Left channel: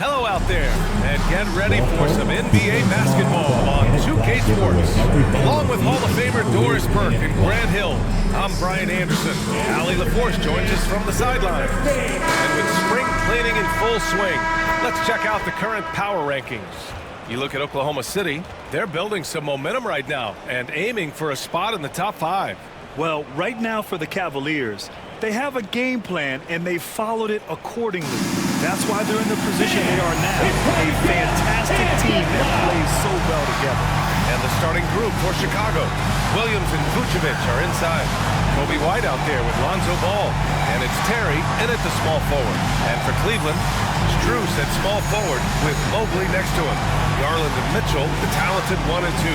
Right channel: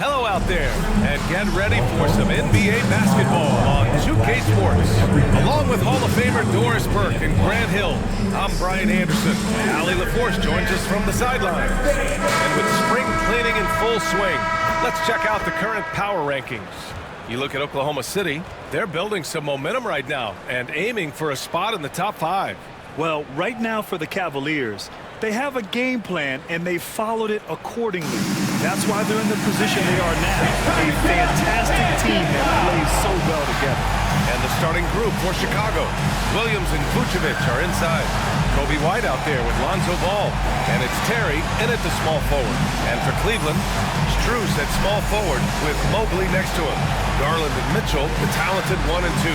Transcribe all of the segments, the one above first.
Hello out there, and get ready for some NBA basketball on 2K Sports. Along with Hall of Famer Doris Burke and Grant Hill, I'm Brian Anderson. Allie LaForce joins us from the sidelines. And with spring cleaning in full swing, let's check out the current power rankings. You look at Oklahoma City, they're building some momentum right now and aiming for a spot in the top 5. Well, right now for the Cavaliers, they have a game plan and they followed it accordingly. That's why they're in the position they are now. A fantastic team that plays so well together. And the starting group for Chicago. Williams and Vucevic are inside. Kobe White out there with Lonzo Ball. And it's Terry in at the small forward. And for Cleveland, Strus at small forward with Mobley next to him. Garland and Mitchell, the talented 1 and 2.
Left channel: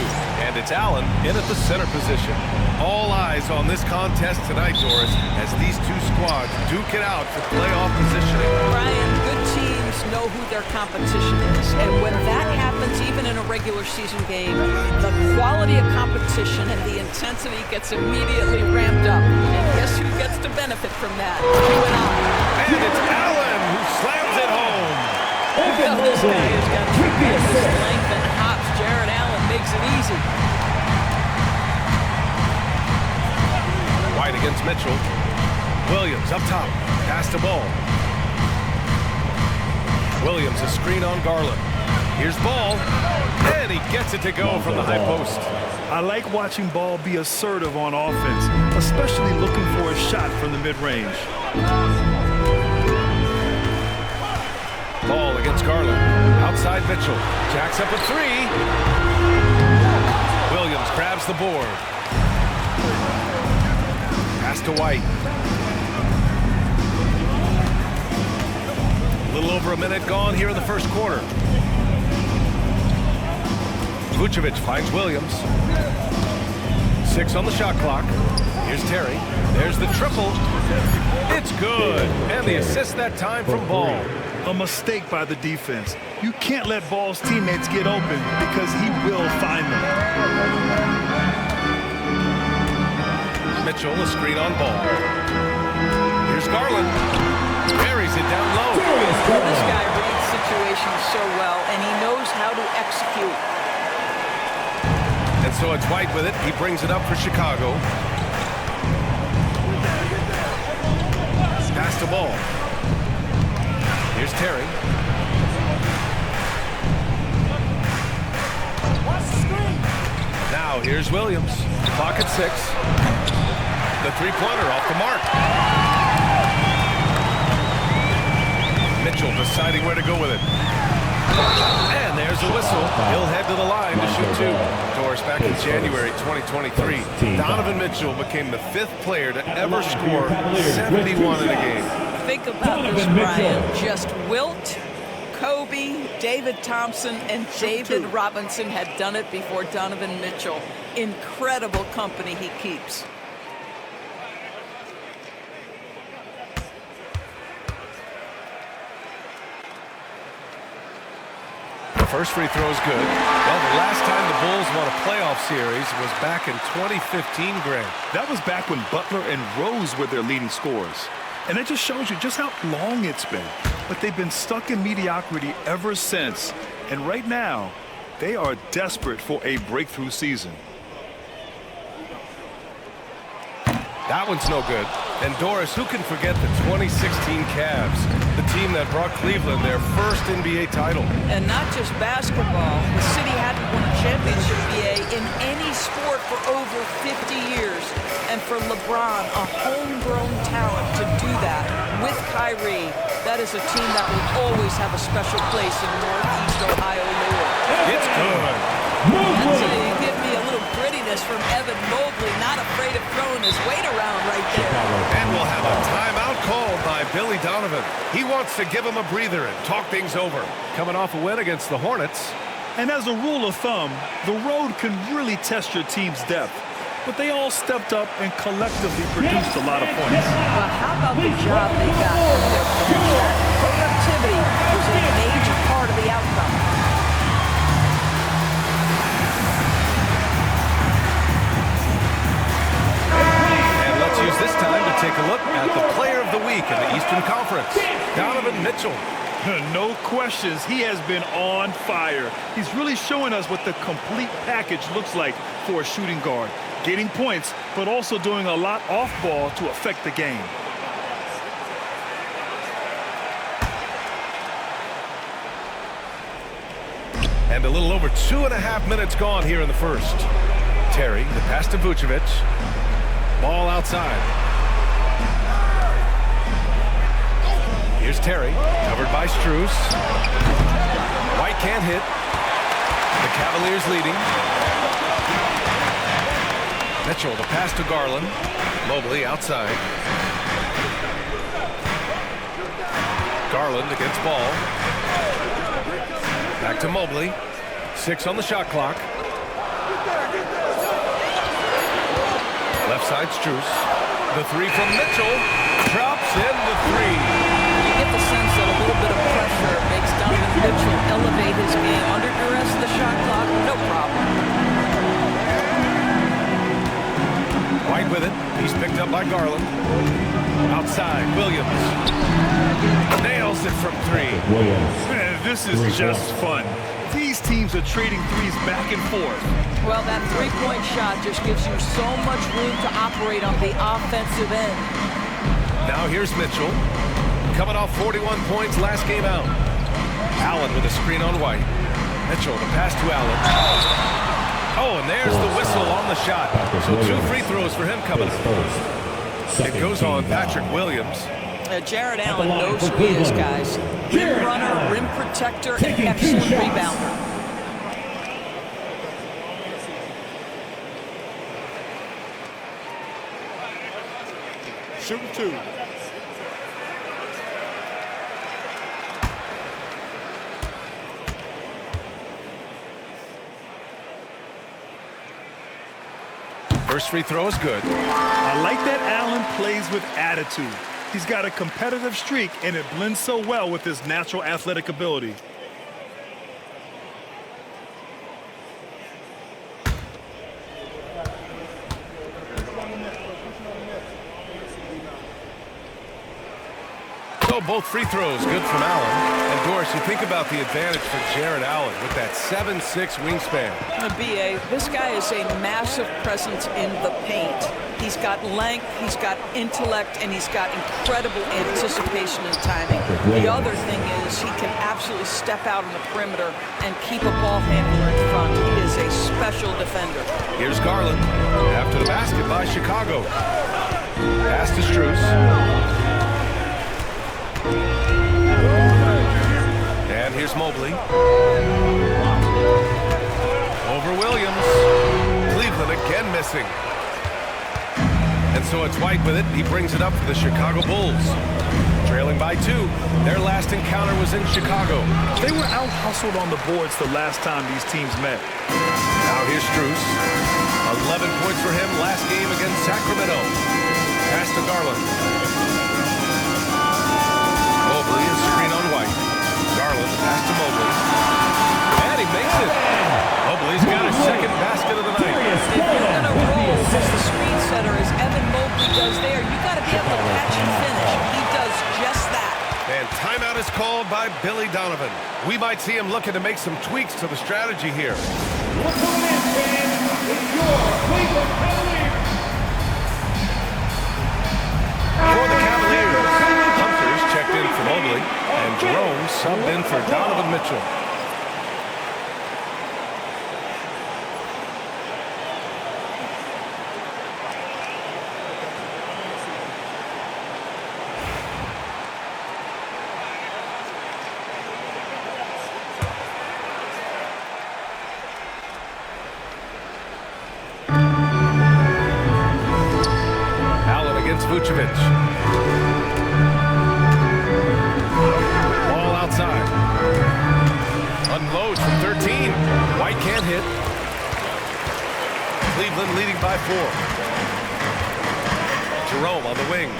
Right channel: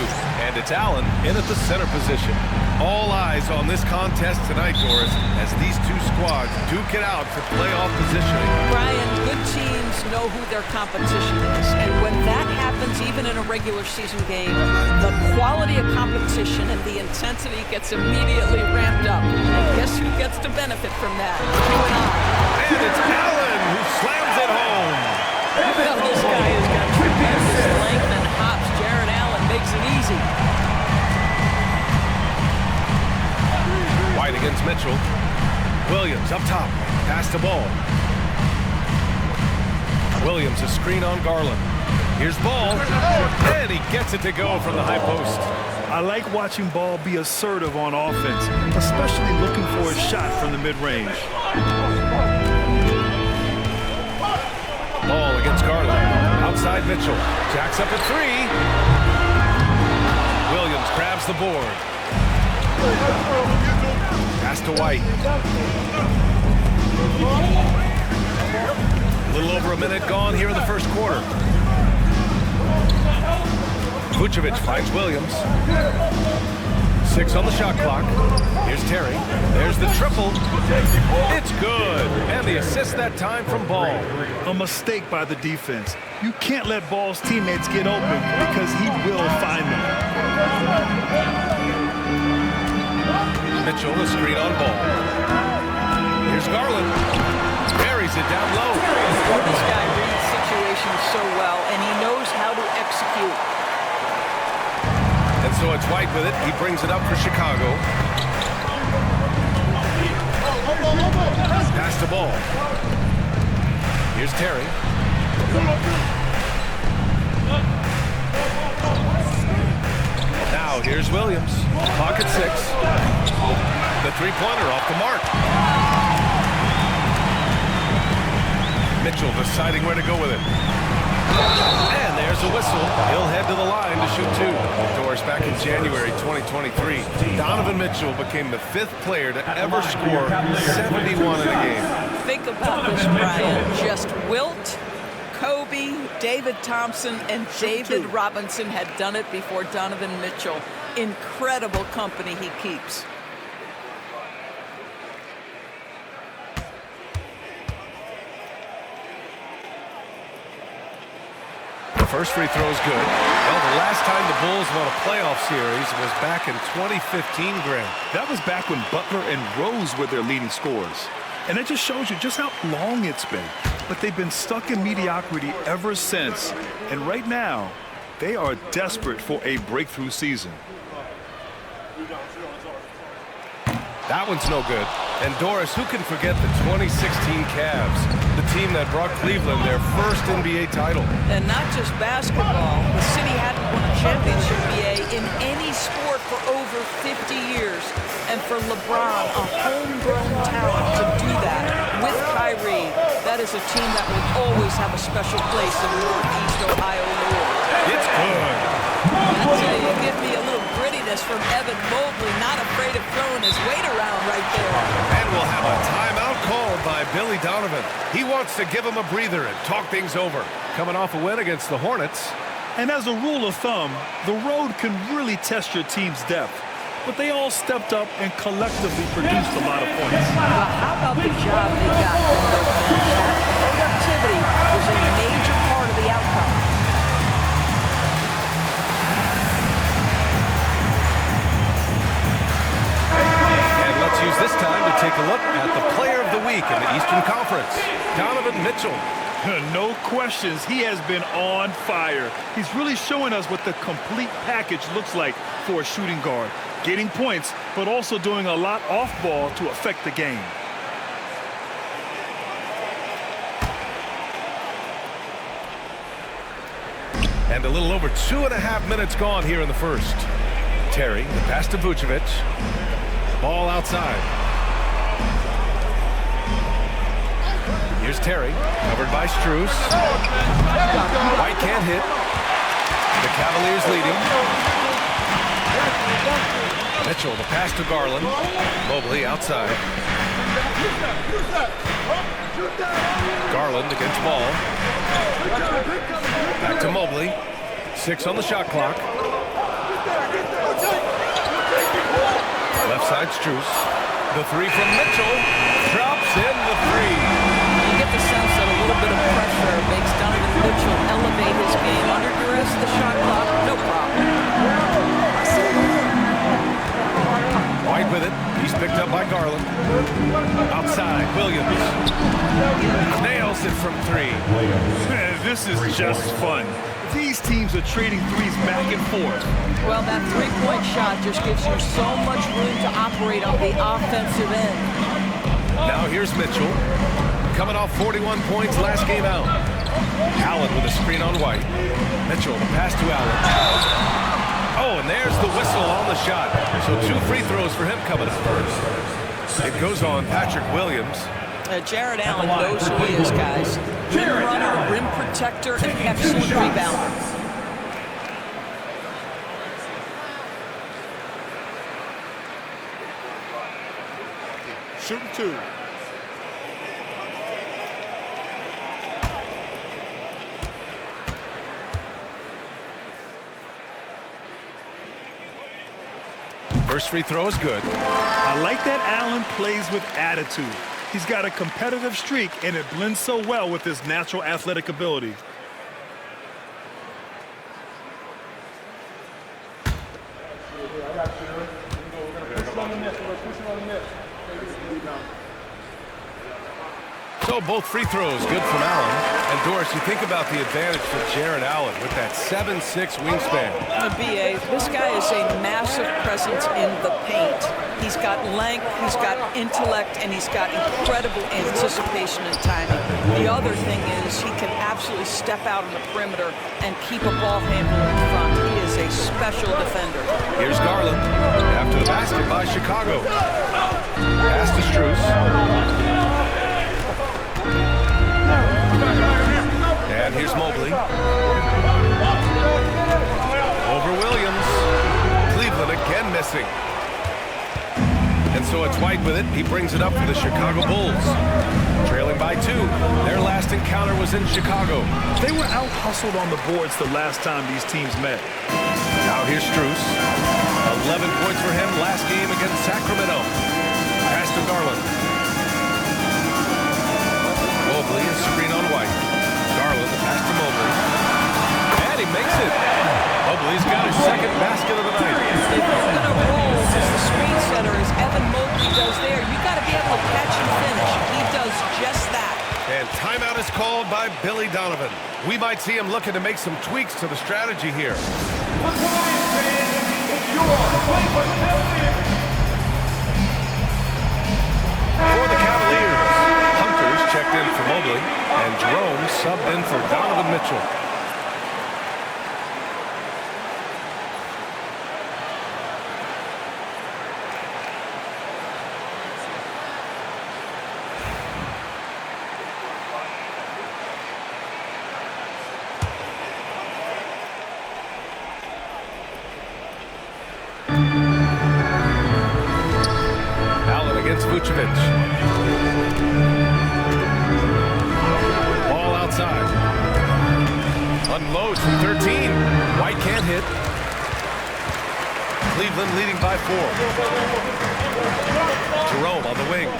And it's Allen in at the center position. All eyes on this contest tonight, Doris, as these two squads duke it out for playoff positioning. Brian, good teams know who their competition is. And when that happens, even in a regular season game, the quality of competition and the intensity gets immediately ramped up. And guess who gets to benefit from that? You and I. And it's Allen who slams it home. Well, this guy has got tremendous length and hops. Jared Allen makes it easy. White against Mitchell. Williams up top. Pass the ball. Williams a screen on Garland. Here's Ball. And he gets it to go from the high post. I like watching Ball be assertive on offense, especially looking for a shot from the mid-range. Ball against Garland. Outside Mitchell. Jacks up a 3. Williams grabs the board. Pass to White. A little over a minute gone here in the first quarter. Vucevic finds Williams. 6 on the shot clock. Here's Terry. There's the triple. It's good. And the assist that time from Ball. A mistake by the defense. You can't let Ball's teammates get open because he will find them. Mitchell, a screen on Ball. Here's Garland. Buries it down low. This guy reads situations so well, and he knows how to execute. And so it's White with it. He brings it up for Chicago. Pass the ball. Here's Terry. Now here's Williams. Clock at 6. The three-pointer off the mark. Mitchell deciding where to go with it. And there's a whistle. He'll head to the line to shoot 2. Doris, back in January 2023, Donovan Mitchell became the 5th player to ever score 71 in a game. Think about this, Brian. Just Wilt, Kobe, David Thompson, and David Robinson had done it before Donovan Mitchell. Incredible company he keeps. The first free throw is good. Well, the last time the Bulls won a playoff series was back in 2015, Grant. That was back when Butler and Rose were their leading scorers. And it just shows you just how long it's been. But they've been stuck in mediocrity ever since. And right now, they are desperate for a breakthrough season. That one's no good. And Doris, who can forget the 2016 Cavs, the team that brought Cleveland their first NBA title? And not just basketball. The city hadn't won a championship in any sport for over 50 years. And for LeBron, a homegrown talent, to do that with Kyrie, that is a team that will always have a special place in Northeast Ohio lore. It's good. That's you give me a little grittiness from Evan Mobley, not afraid of throwing his weight around right there. And we'll have a timeout called by Billy Donovan. He wants to give him a breather and talk things over. Coming off a win against the Hornets. And as a rule of thumb, the road can really test your team's depth. But they all stepped up and collectively produced a lot of points. Well, how about the job they got from their bench? That productivity was a major part of the outcome. Let's use this time to take a look at the player of the week in the Eastern Conference, Donovan Mitchell. No questions, he has been on fire. He's really showing us what the complete package looks like for a shooting guard. Getting points, but also doing a lot off ball to affect the game. And a little over 2.5 minutes gone here in the first. Terry, the pass to Vucevic. Ball outside. Here's Terry, covered by Strus. White can't hit. The Cavaliers leading. Mitchell, the pass to Garland. Mobley outside. Garland against Ball. Back to Mobley. 6 on the shot clock. Left side Strus. The three from Mitchell. Drops in the three. You get the sense that a little bit of pressure makes Donovan Mitchell elevate his game. Under duress of the shot clock, no problem. White with it. He's picked up by Garland. Outside, Williams. Nails it from 3. Man, this is just fun. These teams are trading threes back and forth. Well, that three-point shot just gives you so much room to operate on the offensive end. Now here's Mitchell. Coming off 41 points last game out. Allen with a screen on White. Mitchell, the pass to Allen. Oh, and there's the whistle on the shot. So 2 free throws for him coming up. It goes on Patrick Williams. Jared Allen knows who he is, guys. Rim runner, rim protector, and excellent rebounder. Shooting 2. First free throw is good. I like that Allen plays with attitude. He's got a competitive streak, and it blends so well with his natural athletic ability. So both free throws good from Allen. And Doris, you think about the advantage for Jared Allen with that 7'6" wingspan. BA, this guy is a massive presence in the paint. He's got length, he's got intellect, and he's got incredible anticipation and timing. The other thing is he can absolutely step out on the perimeter and keep a ball handler in front. He is a special defender. Here's Garland after the basket by Chicago. Pass to Strus. And here's Mobley. Over Williams. Cleveland again missing. And so it's White with it. He brings it up for the Chicago Bulls. Trailing by 2. Their last encounter was in Chicago. They were out-hustled on the boards the last time these teams met. Now here's Strus. 11 points for him last game against Sacramento. Pass to Garland. Mobley, a screen on White. Garland, the pass to Mobley. And he makes it. Mobley's got his second basket of the night. If you're going to roll as the screen setter, as Evan Mobley does there, you got to be able to catch and finish. He does just that. And timeout is called by Billy Donovan. We might see him looking to make some tweaks to the strategy here. What's going on, fans? It's your Cleveland Cavaliers. For the Cavaliers, Hunter's checked in for Mobley, and Jerome subbed in for Donovan Mitchell. Against Vucevic. Ball outside. Unloads from 13. White can't hit. Cleveland leading by 4. Jerome on the wing.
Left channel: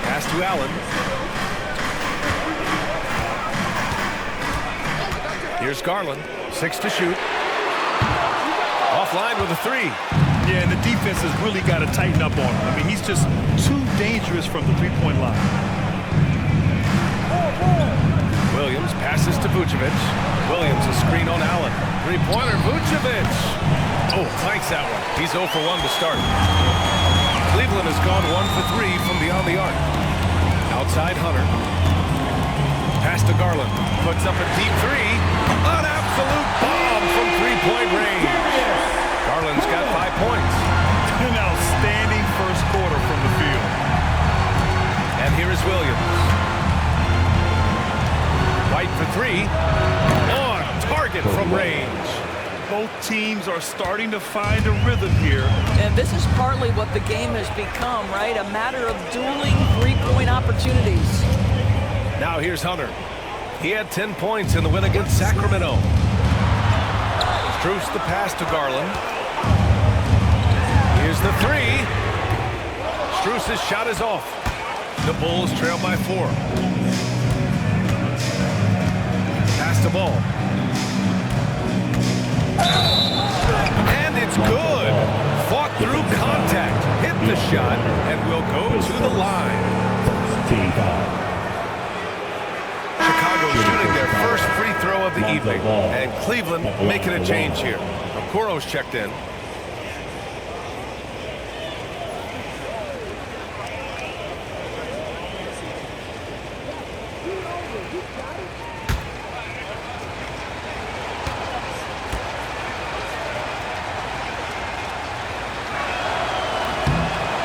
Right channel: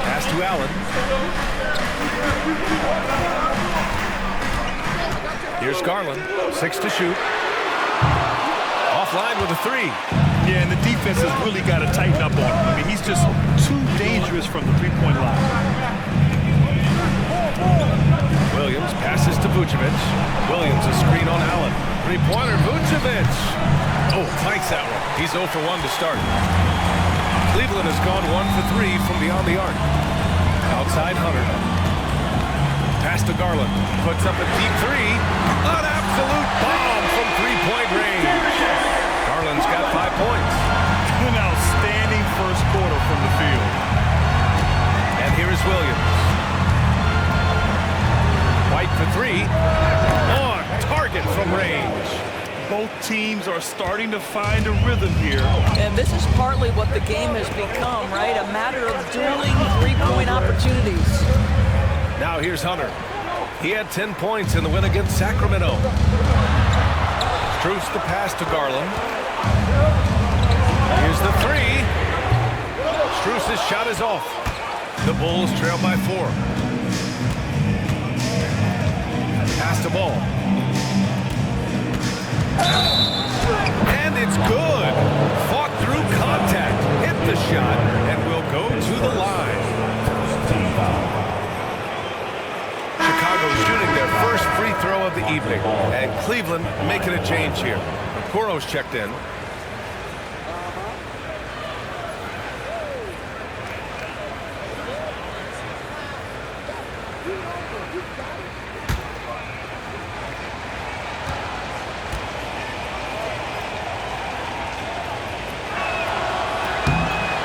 Pass to Allen. Here's Garland. 6 to shoot. Offline with a 3. Yeah, and the defense has really got to tighten up on him. I mean, he's just too dangerous from the three-point line. Williams passes to Vucevic. Williams a screen on Allen. Three-pointer, Vucevic. Oh, clanks that one. He's 0 for 1 to start. Cleveland has gone 1 for 3 from beyond the arc. Outside Hunter. Pass to Garland. Puts up a deep three. An absolute bomb from three-point range. Garland's got 5 points. An outstanding first quarter from the field. And here is Williams. White for three. On target from range. Both teams are starting to find a rhythm here. And this is partly what the game has become, right? A matter of dueling three-point opportunities. Now here's Hunter. He had 10 points in the win against Sacramento. Strus the pass to Garland. Here's the three. Strus's shot is off. The Bulls trail by 4. Pass to Ball. And it's good. Fought through contact. Hit the shot and will go to the line. Chicago shooting their first free throw of the evening. And Cleveland making a change here. Okoro's checked in.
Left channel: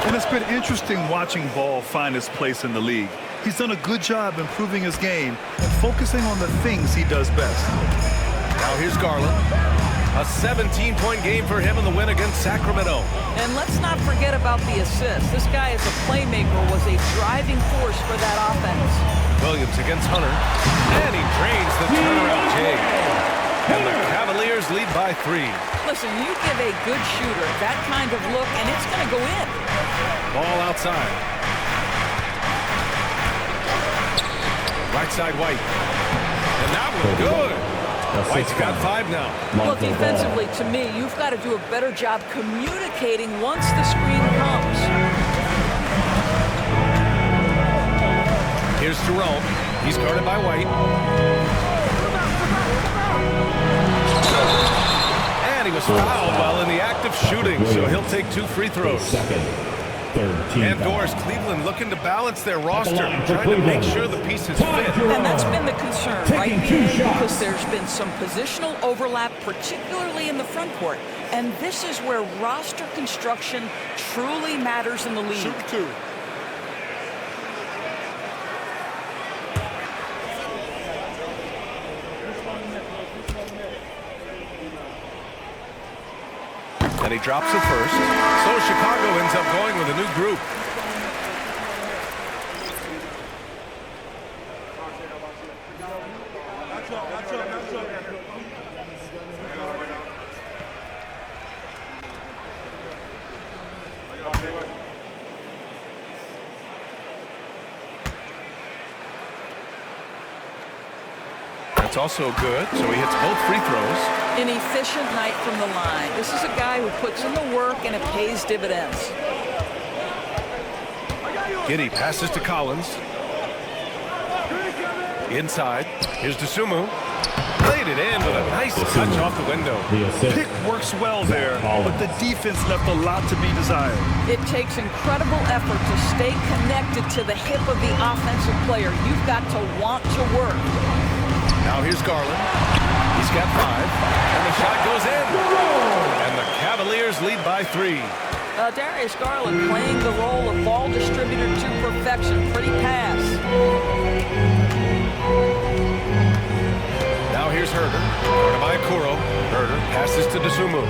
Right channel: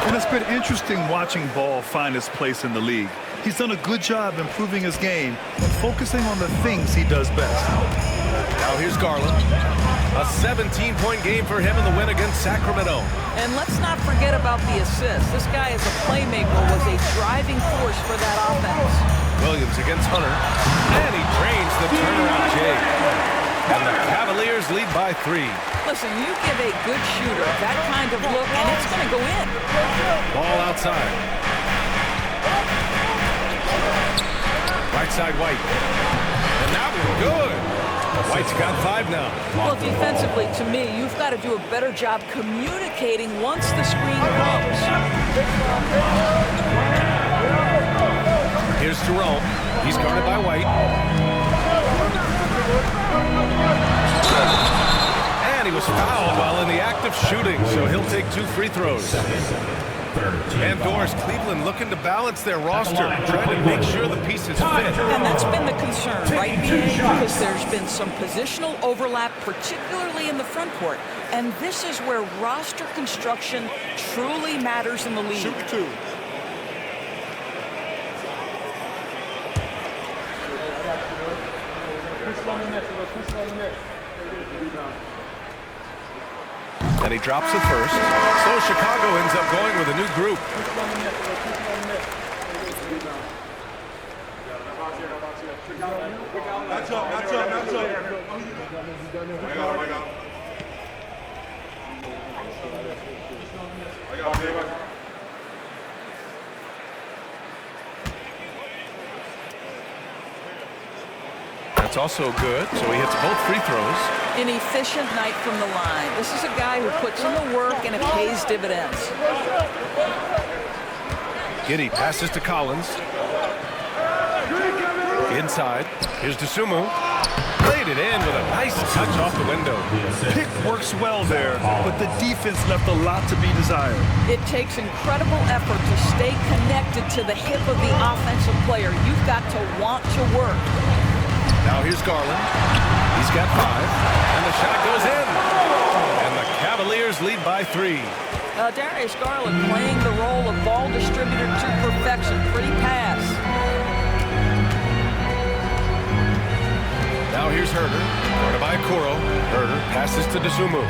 And it's been interesting watching Ball find his place in the league. He's done a good job improving his game and focusing on the things he does best. Now here's Garland. A 17-point game for him in the win against Sacramento. And let's not forget about the assist. This guy as a playmaker was a driving force for that offense. Williams against Hunter. And he drains the turnaround J. And the Cavaliers lead by 3. Listen, you give a good shooter that kind of look, and it's going to go in. Ball outside. Right side, White. And that one good. White's got 5 now. Well, defensively, to me, you've got to do a better job communicating once the screen comes. Here's Jerome. He's guarded by White. And he was fouled while in the act of shooting, so he'll take 2 free throws. And Doris, Cleveland looking to balance their roster, trying to make sure the pieces fit. And that's been the concern, right, BA? Because there's been some positional overlap, particularly in the front court. And this is where roster construction truly matters in the league. Shoot 2. And he drops it first. So Chicago ends up going with a new group. That's also good, so he hits both free throws. An efficient night from the line. This is a guy who puts in the work and it pays dividends. Giddey passes to Collins. Inside. Here's Dosunmu. Played it in with a nice touch off the window. Pick works well there, but the defense left a lot to be desired. It takes incredible effort to stay connected to the hip of the offensive player. You've got to want to work. Now here's Garland. He's got 5, and the shot goes in. And the Cavaliers lead by 3. Darius Garland playing the role of ball distributor to perfection. Pretty pass. Now here's Herter. Guarded by Okoro. Herter passes to Dosunmu.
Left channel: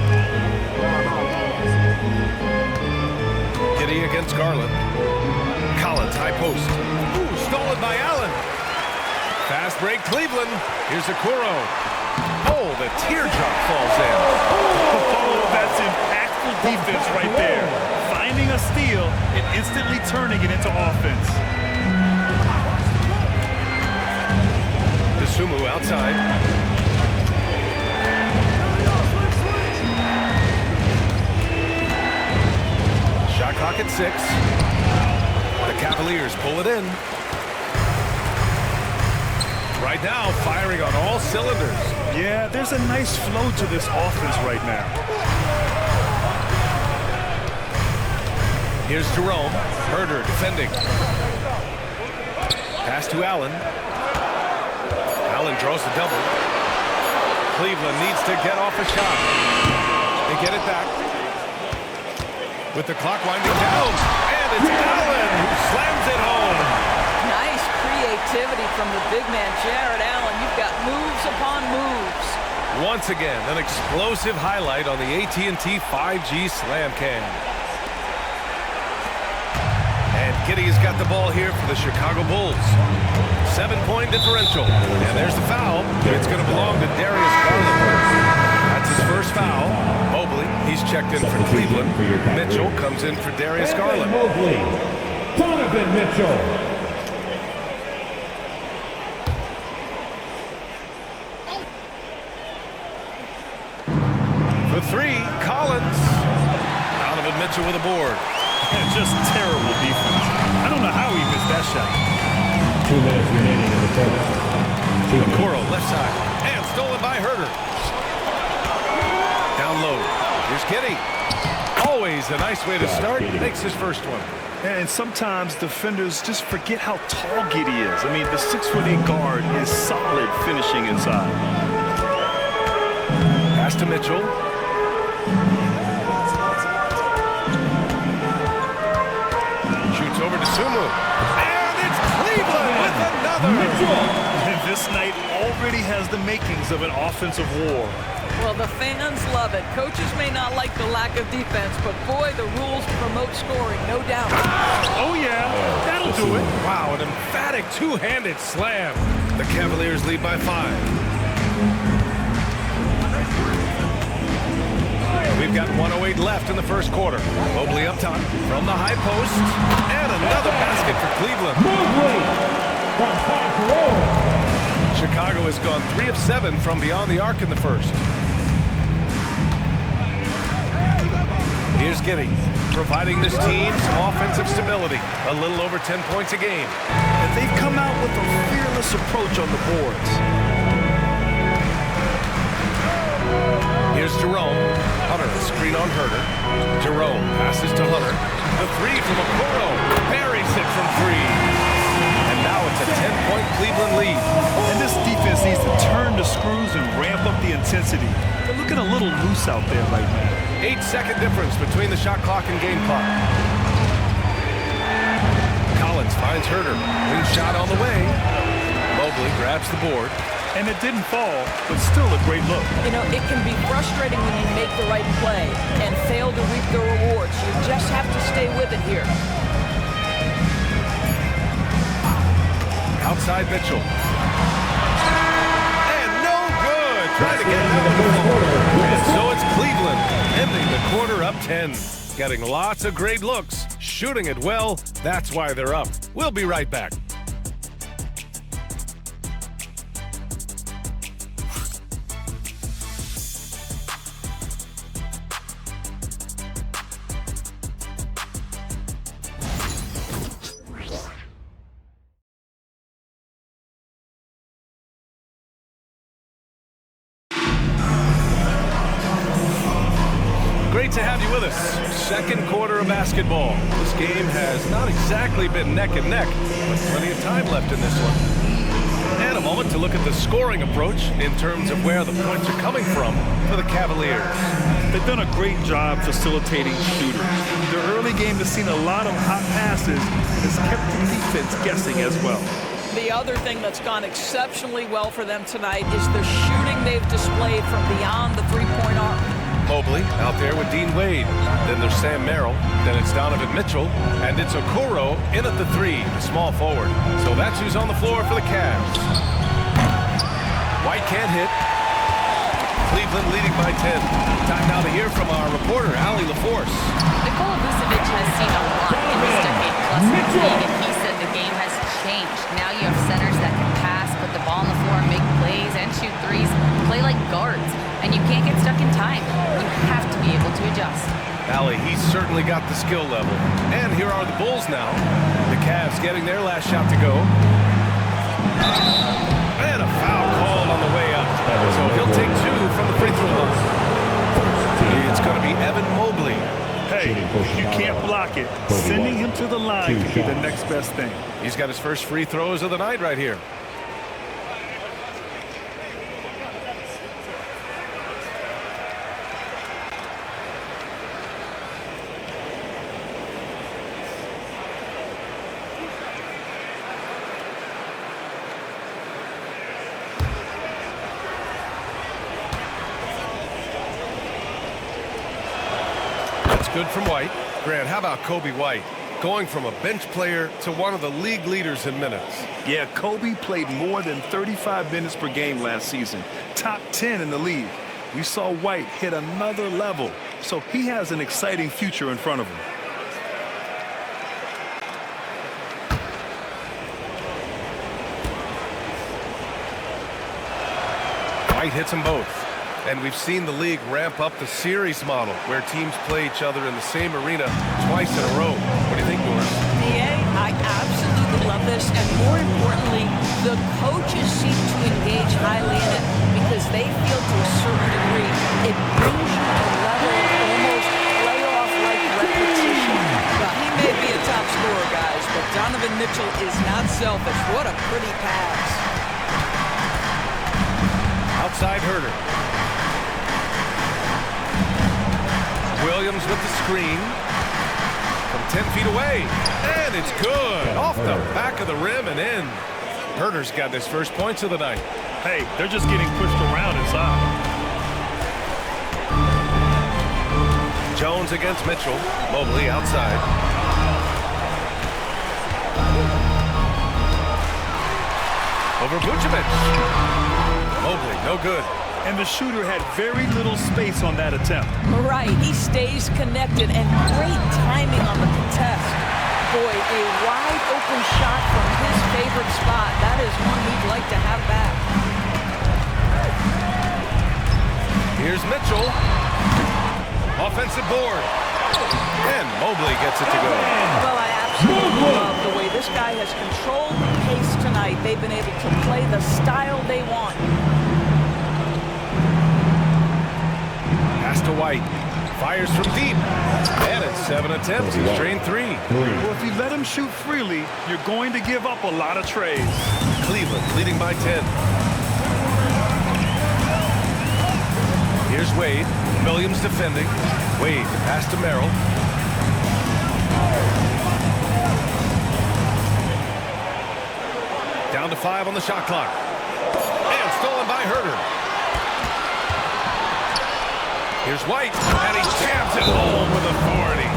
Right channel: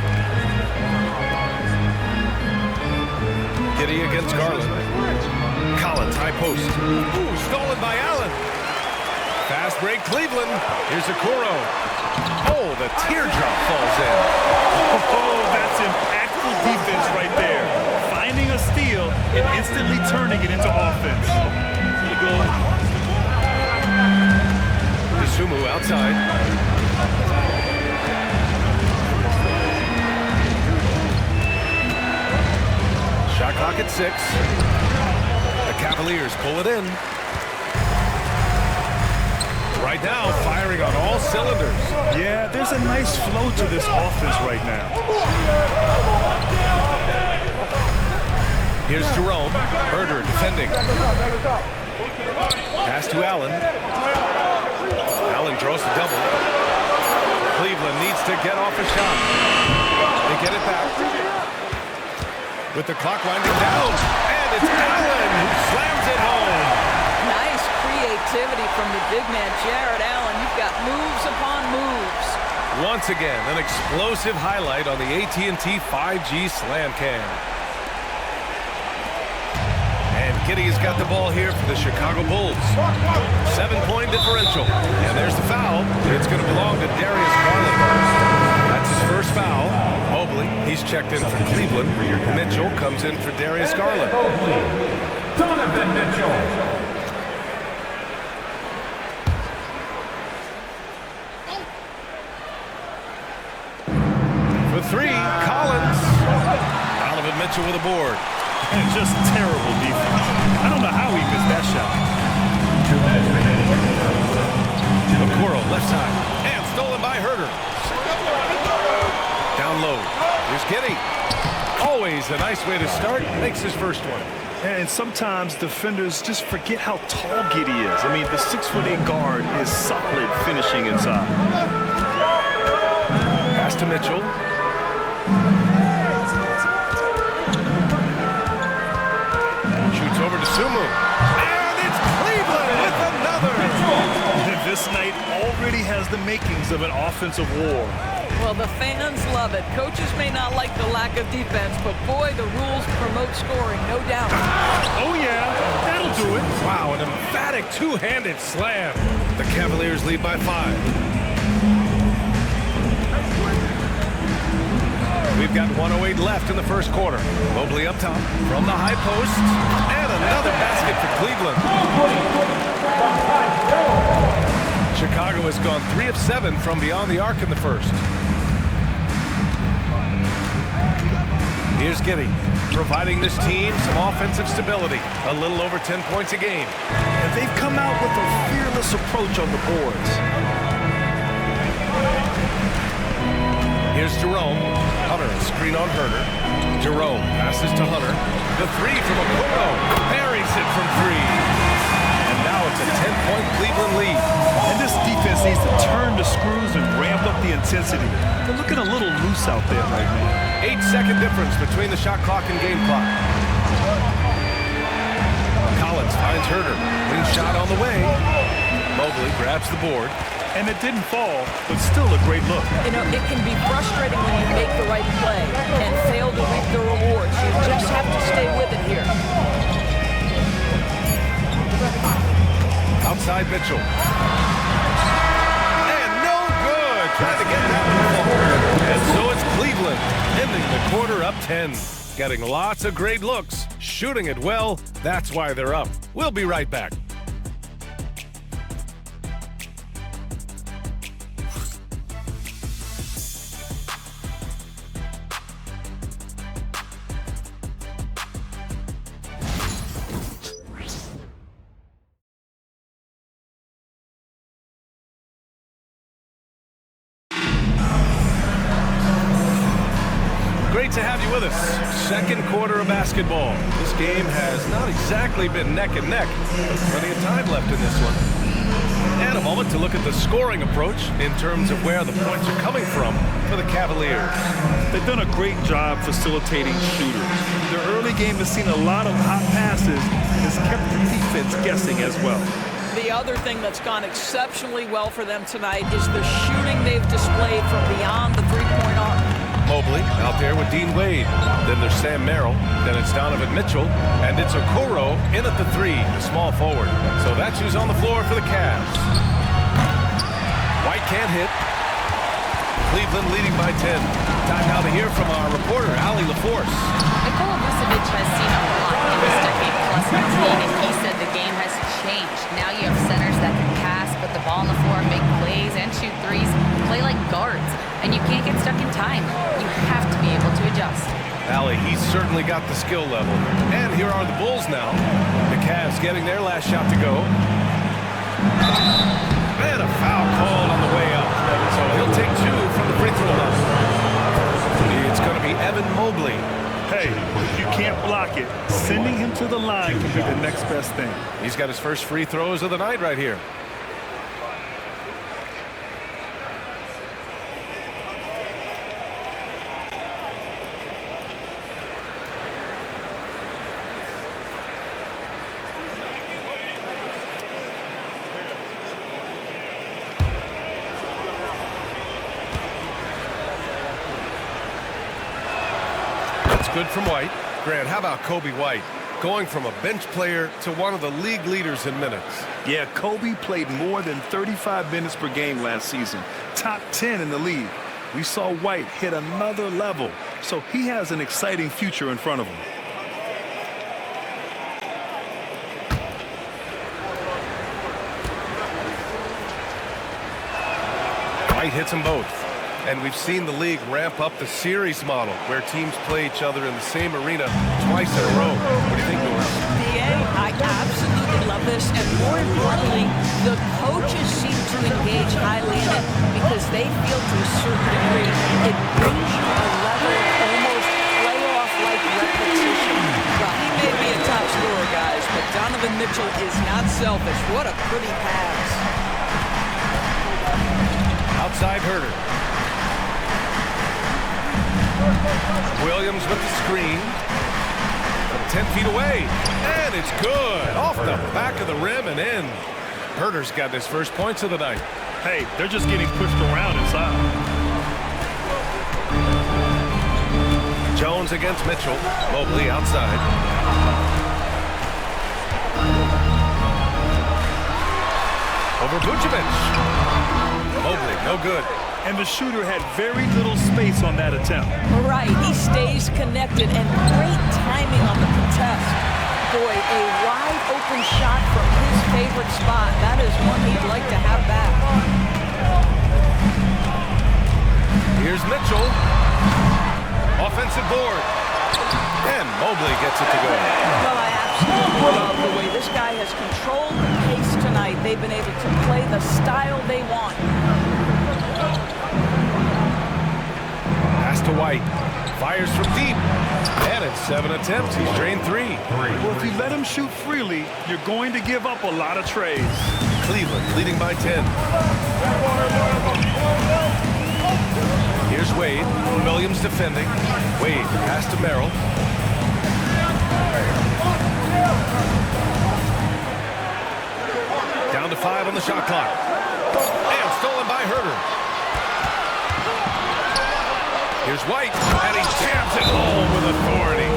Giddey against Garland. Collins, high post. Ooh, stolen by Allen. Fast break, Cleveland. Here's Okoro. Oh, the teardrop falls in. Oh, that's impactful defense right there. Finding a steal and instantly turning it into offense. Dosunmu outside. Shot clock at 6. The Cavaliers pull it in. Right now, firing on all cylinders. Yeah, there's a nice flow to this offense right now. Here's Jerome. Herder defending. Pass to Allen. Allen draws the double. Cleveland needs to get off a shot. They get it back. With the clock winding down. And it's Allen who slams it home. Nice creativity from the big man, Jared Allen. You've got moves upon moves. Once again, an explosive highlight on the AT&T 5G Slam Cam. And Giddey's got the ball here for the Chicago Bulls. 7-point differential. And there's the foul. It's going to belong to Darius Garland. That's his first foul. Mobley, he's checked in for Cleveland. Mitchell comes in for Darius Garland. Donovan Mitchell. For three, Collins. Donovan Mitchell with a board. And just terrible defense. I don't know how he missed that shot. Okoro, left side. And stolen by Herder. Down low. Here's Giddey. Always a nice way to start. Makes his first one. And sometimes defenders just forget how tall Giddey is. I mean, the 6'8" guard is solid finishing inside. Pass to Mitchell. Shoots over to Sumu. And it's Cleveland with another. This night already has the makings of an offensive war. Well, the fans love it. Coaches may not like the lack of defense, but boy, the rules promote scoring, no doubt. Oh, yeah, that'll do it. Wow, an emphatic two-handed slam. The Cavaliers lead by 5. We've got 1:08 left in the first quarter. Mobley up top from the high post. And another basket for Cleveland. Chicago has gone 3 of 7 from beyond the arc in the first. Here's Giddey, providing this team some offensive stability. A little over 10 points a game. And they've come out with a fearless approach on the boards. Here's Jerome. Hunter, a screen on Herder. Jerome passes to Hunter. The three from Okoro. Buries it from 3. And now it's a 10-point Cleveland lead. And this defense needs to turn the screws and ramp up the intensity. They're looking a little loose out there right now. 8-second difference between the shot clock and game clock. Collins finds Herder. Wing shot on the way. Mobley grabs the board. And it didn't fall, but still a great look. You know, it can be frustrating when you make the right play and fail to reap the rewards. You just have to stay with it here. Outside Mitchell. And no good. Trying to get that one to fall. And so it's Cleveland ending the quarter up 10. Getting lots of great looks. Shooting it well. That's why they're up. We'll be right back. Great to have you with us. Second quarter of basketball. This game has not exactly been neck and neck, but plenty of time left in this one. And a moment to look at the scoring approach in terms of where the points are coming from for the Cavaliers. They've done a great job facilitating shooters. Their early game has seen a lot of hot passes and has kept the defense guessing as well. The other thing that's gone exceptionally well for them tonight is the shooting they've displayed from beyond the three-point arc. Mobley out there with Dean Wade. Then there's Sam Merrill. Then it's Donovan Mitchell. And it's Okoro in at the 3, the small forward. So that's who's on the floor for the Cavs. White can't hit. Cleveland leading by 10. Time now to hear from our reporter, Allie LaForce. Nikola Vucevic has seen a lot in his decade-plus in the league, and he said the game has changed. Now you have centers that can pass, put the ball on the floor, make plays, and shoot threes, play like guards. And you can't get stuck in time. You have to be able to adjust. Allie, he's certainly got the skill level. And here are the Bulls now. The Cavs getting their last shot to go. And a foul called on the way up. So he'll take 2 from the free throw line. It's going to be Evan Mobley. Hey, if you can't block it, sending him to the line can be the next best thing. He's got his first free throws of the night right here. Good from White. Grant, how about Kobe White? Going from a bench player to one of the league leaders in minutes. Yeah, Kobe played more than 35 minutes per game last season. Top 10 in the league. We saw White hit another level, so he has an exciting future in front of him. White hits them both. And we've seen the league ramp up the series model where teams play each other in the same arena twice in a row. What do you think, Norris? DA, I absolutely love this. And more importantly, the coaches seem to engage highly in it because they feel to a certain degree it brings you a level of almost playoff-like repetition. Well, he may be a top scorer, guys, but Donovan Mitchell is not selfish. What a pretty pass. Outside Herter. Williams with the screen from 10 feet away, and it's good off the back of the rim and in. Herter's got his first points of the night. Hey, they're just getting pushed around inside. Jones against Mitchell. Mobley outside. Over Vucevic. Mobley, no good. And the shooter had very little space on that attempt. Right, he stays connected and great timing on the contest. Boy, a wide open shot from his favorite spot. That is one he'd like to have back. Here's Mitchell. Offensive board. And Mobley gets it to go. Well, I absolutely love the way this guy has controlled the pace tonight. They've been able to play the style they want. Pass to White. Fires from deep. And in 7 attempts, he's drained 3. Well, if you let him shoot freely, you're going to give up a lot of trays. Cleveland leading by 10. Here's Wade. Williams defending. Wade, pass to Merrill. Down to 5 on the shot clock. And stolen by Herter. Here's White, and he jams it home with authority.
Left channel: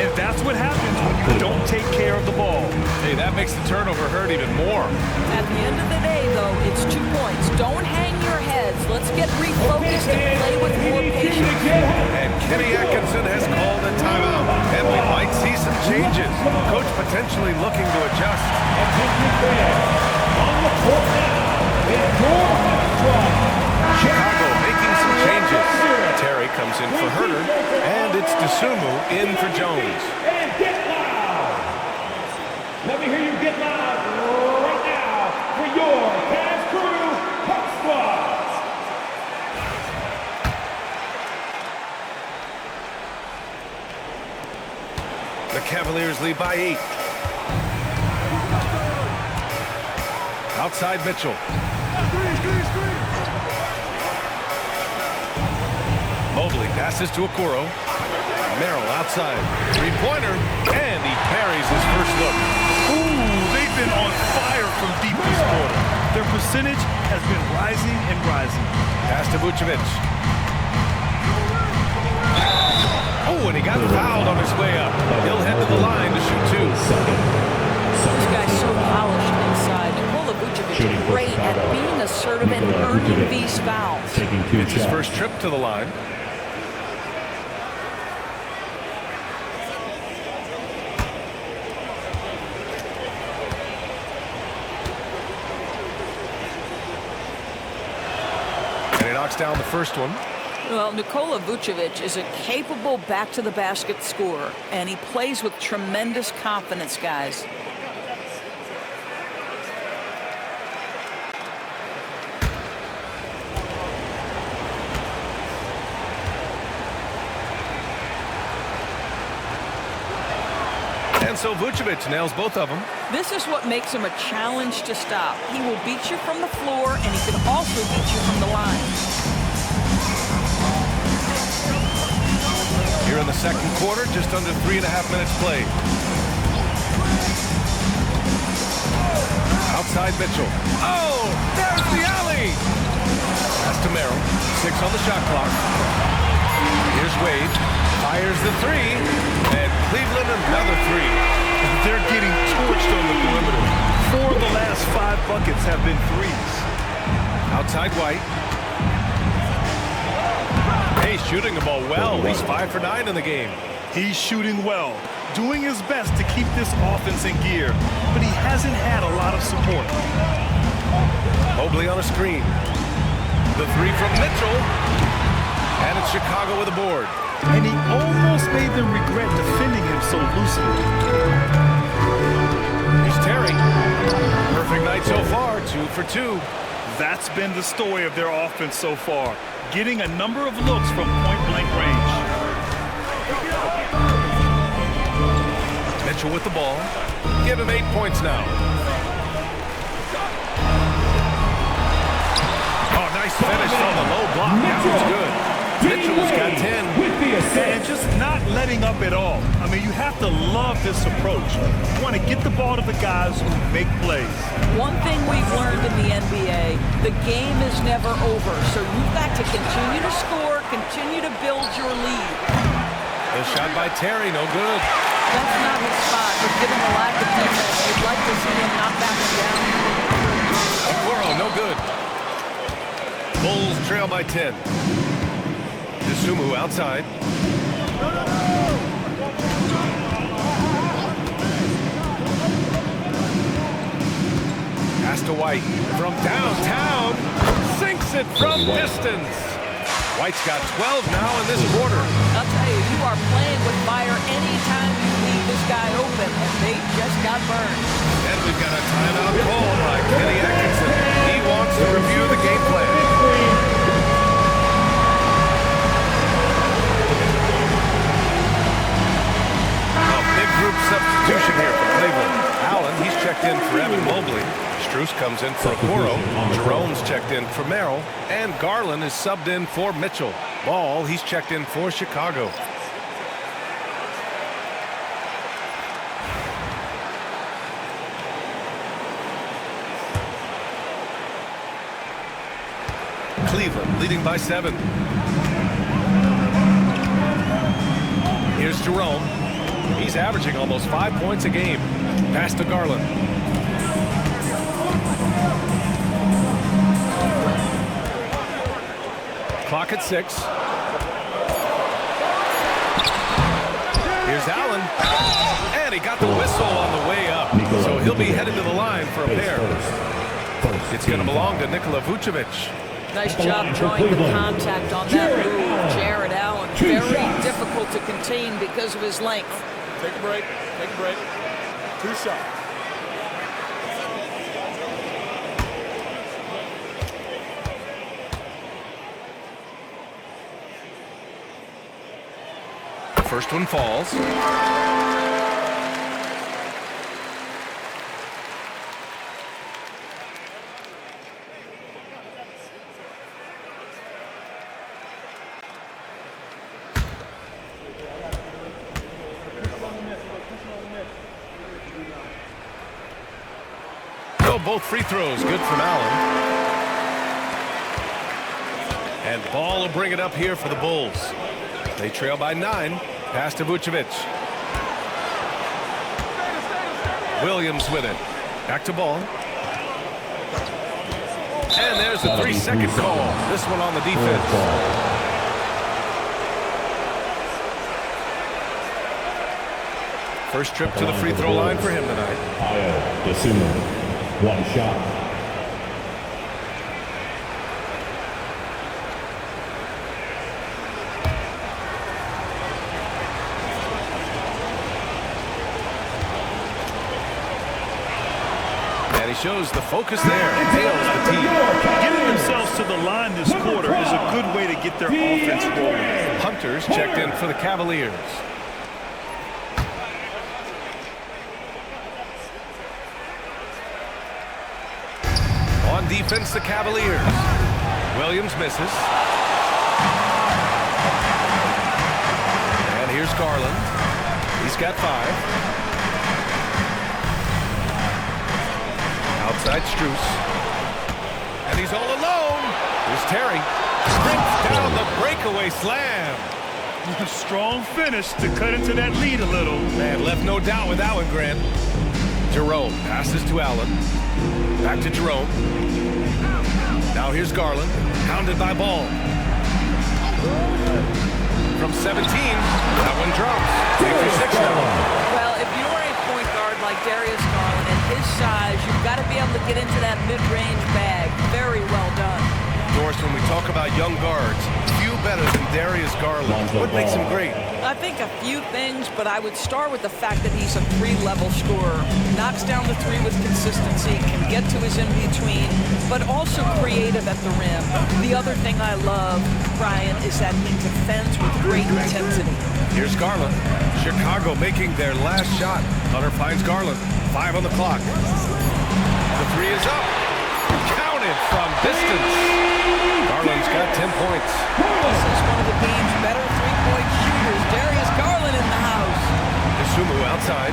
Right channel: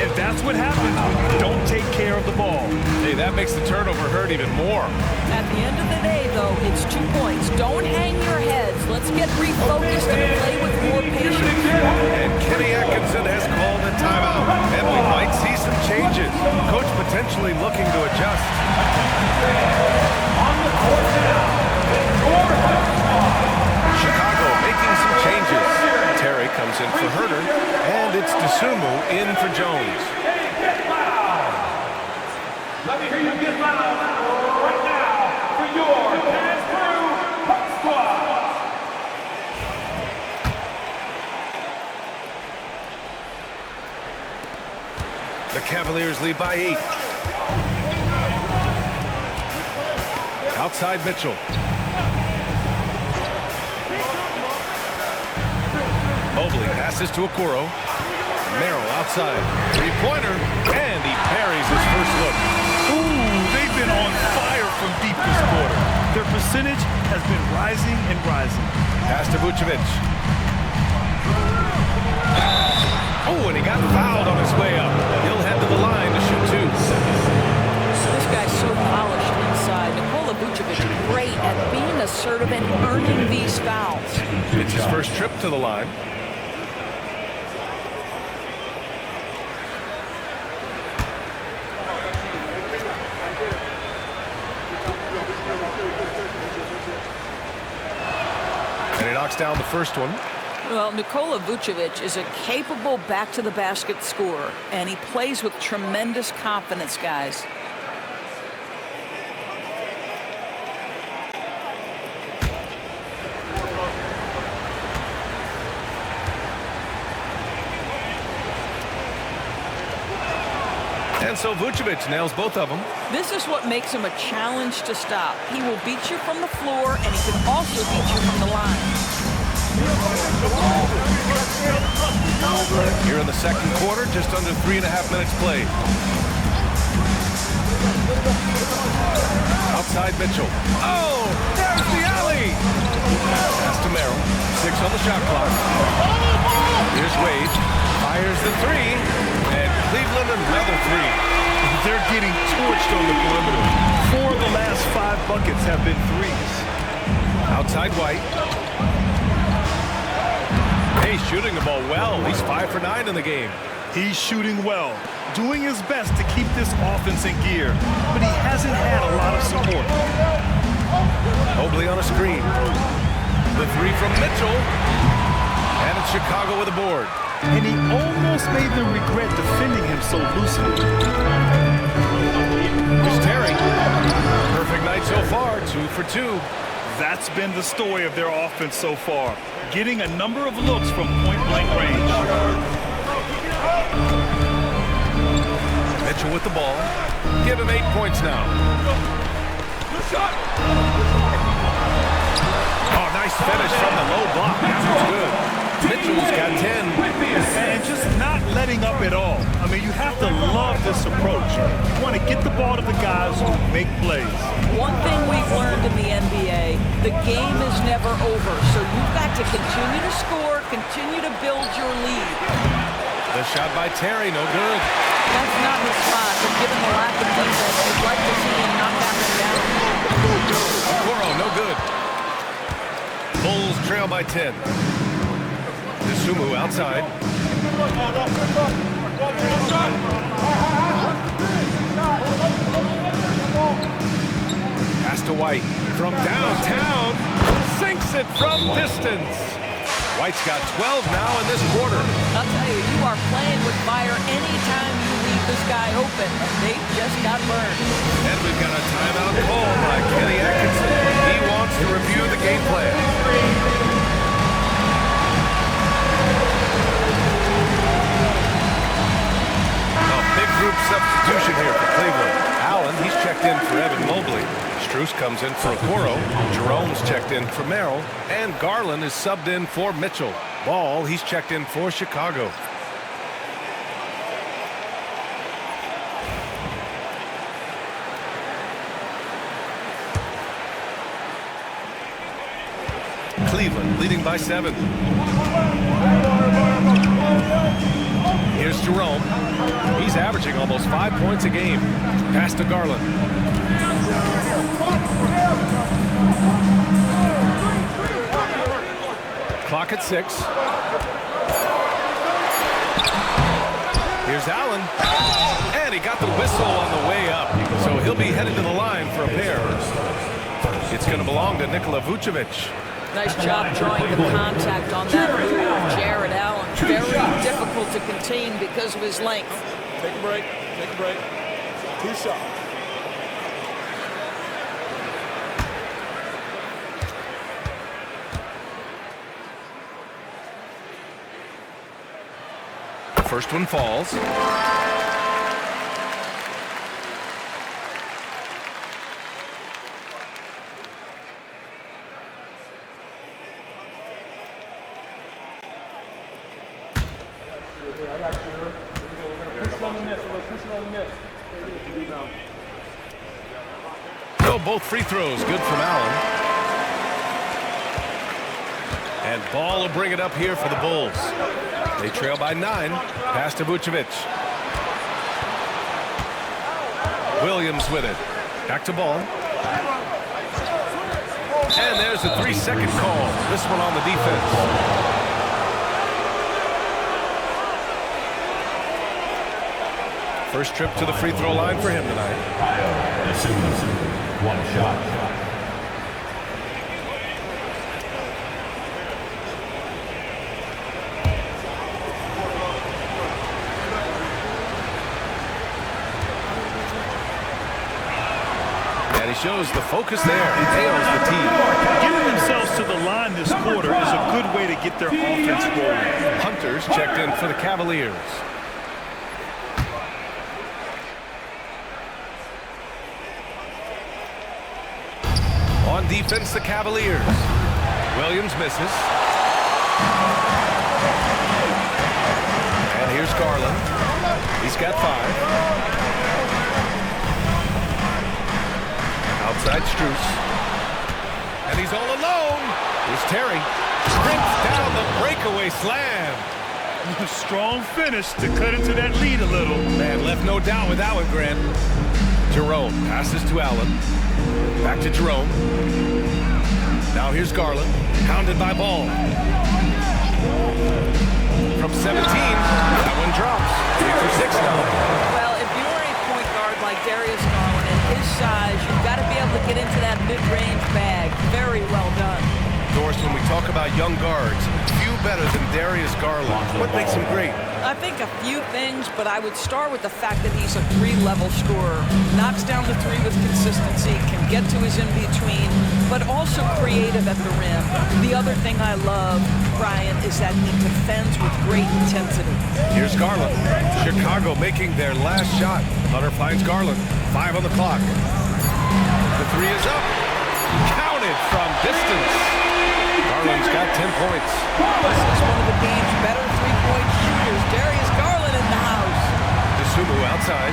And that's what happens when you don't take care of the ball. Hey, that makes the turnover hurt even more. At the end of the day, though, it's 2 points. Don't hang your heads. Let's get refocused and play with more patience. And Kenny Atkinson has called a timeout, and we might see some changes. Coach potentially looking to adjust. On the court now, Chicago making some changes. Terry comes in for Herter, and it's Dosunmu in for Jones. And get loud! Let me hear you get loud right now for your Cavs Crew Hot Squad! The Cavaliers lead by 8. Outside Mitchell. Mobley passes to Okoro. Merrill outside. Three-pointer, and he buries his first look. Ooh, they've been on fire from deep this quarter. Their percentage has been rising and rising. Pass to Vucevic. Oh, and he got fouled on his way up. He'll head to the line to shoot 2. This guy's so polished inside. Nikola Vucevic great at being assertive and earning these fouls. It's his first trip to the line. And he knocks down the first one. Well, Nikola Vucevic is a capable back-to-the-basket scorer, and he plays with tremendous confidence, guys. And so Vucevic nails both of them. This is what makes him a challenge to stop. He will beat you from the floor, and he can also beat you from the line. Here in the second quarter, just under 3.5 minutes played. Outside Mitchell. Oh, there's the alley. Pass to Merrill. 6 on the shot clock. Here's Wade. Fires the 3. And Cleveland another 3. They're getting torched on the perimeter. 4 of the last 5 buckets have been threes. Outside White. He's shooting the ball well. He's 5 for 9 in the game. He's shooting well, doing his best to keep this offense in gear, but he hasn't had a lot of support. Mobley on a screen. The 3 from Mitchell. And it's Chicago with a board. And he almost made them regret defending him so loosely. Here's Terry. Perfect night so far, 2 for 2. That's been the story of their offense so far, getting a number of looks from point-blank range. Mitchell with the ball. Give him 8 points now. Oh, nice finish from the low block. That was good. Mitchell's got 10. And just not letting up at all. I mean, you have to love this approach. You want to get the ball to the guys who make plays. One thing we've learned in the NBA, the game is never over. So you've got to continue to score, continue to build your lead. The shot by Terry, no good. That's not his spot, but given the lack of defense, you'd like to see him knock that one down. Okoro, no good. Bulls trail by 10. Sumu outside. Pass to White from downtown. Sinks it from distance. White's got 12 now in this quarter. I'll tell you, you are playing with fire anytime you leave this guy open, and they just got burned. And we've got a timeout call by Kenny Atkinson. He wants to review the game plan. Big group substitution here for Cleveland. Allen, he's checked in for Evan Mobley. Strus comes in for Okoro. Jerome's checked in for Merrill. And Garland is subbed in for Mitchell. Ball, he's checked in for Chicago. Cleveland leading by 7. Here's Jerome. He's averaging almost 5 points a game. Pass to Garland. Clock at 6. Here's Allen. And he got the whistle on the way up. So he'll be headed to the line for a pair. It's going to belong to Nikola Vucevic. Nice job drawing the contact on that move. Jared Allen, very difficult to contain because of his length. Take a break. Take a break. 2 shots. First one falls. No, both free throws good from Allen. And Ball will bring it up here for the Bulls. They trail by 9. Pass to Vucevic. Williams with it. Back to Ball. And there's a 3-second call. This one on the defense. First trip to the free throw line for him tonight. One shot. And he shows the focus there and tails the team. Getting themselves to the line this quarter is a good way to get their offense rolling. Hunter's checked in for the Cavaliers. On defense, the Cavaliers. Williams misses. And here's Garland. He's got 5. Outside Strus. And he's all alone. Here's Terry. Sprints down the breakaway slam. A strong finish to cut into that lead a little. Man, left no doubt with that one, Grant. Jerome passes to Allen. Back to Jerome. Now here's Garland. Hounded by Ball. From 17, that one drops. 3 for 6 now. Well, if you're a point guard like Darius Garland and his size, you've got to be able to get into that mid-range bag. Very well done. Doris, when we talk about young guards, few better than Darius Garland. What makes him great? I think a few things, but I would start with the fact that he's a 3-level scorer. Knocks down the 3 with consistency, can get to his in-between, but also creative at the rim. The other thing I love, Brian, is that he defends with great intensity. Here's Garland. Chicago making their last shot. Hunter finds Garland. 5 on the clock. The 3 is up. Counted from distance. Garland's got 10 points. This is one of the game's better three-point shooters. Darius Garland in the house. DeSumo outside.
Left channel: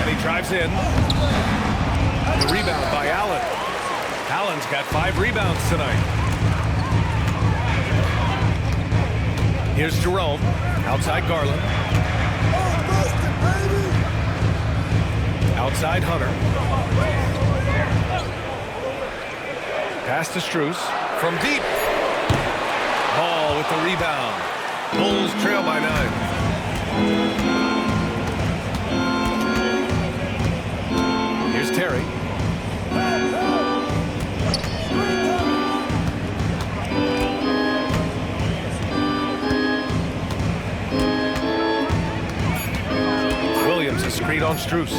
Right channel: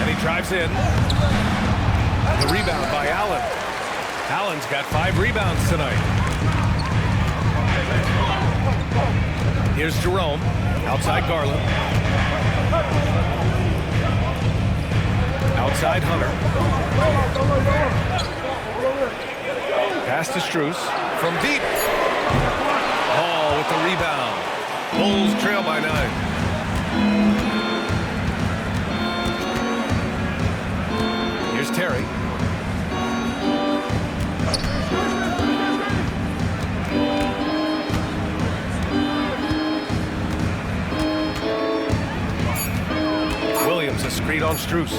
And he drives in. The rebound by Allen. Allen's got 5 rebounds tonight. Here's Jerome. Outside Garland. Outside Hunter. Pass to Strus. From deep. Ball with the rebound. Bulls trail by 9. Here's Terry. Williams a screen on Strus.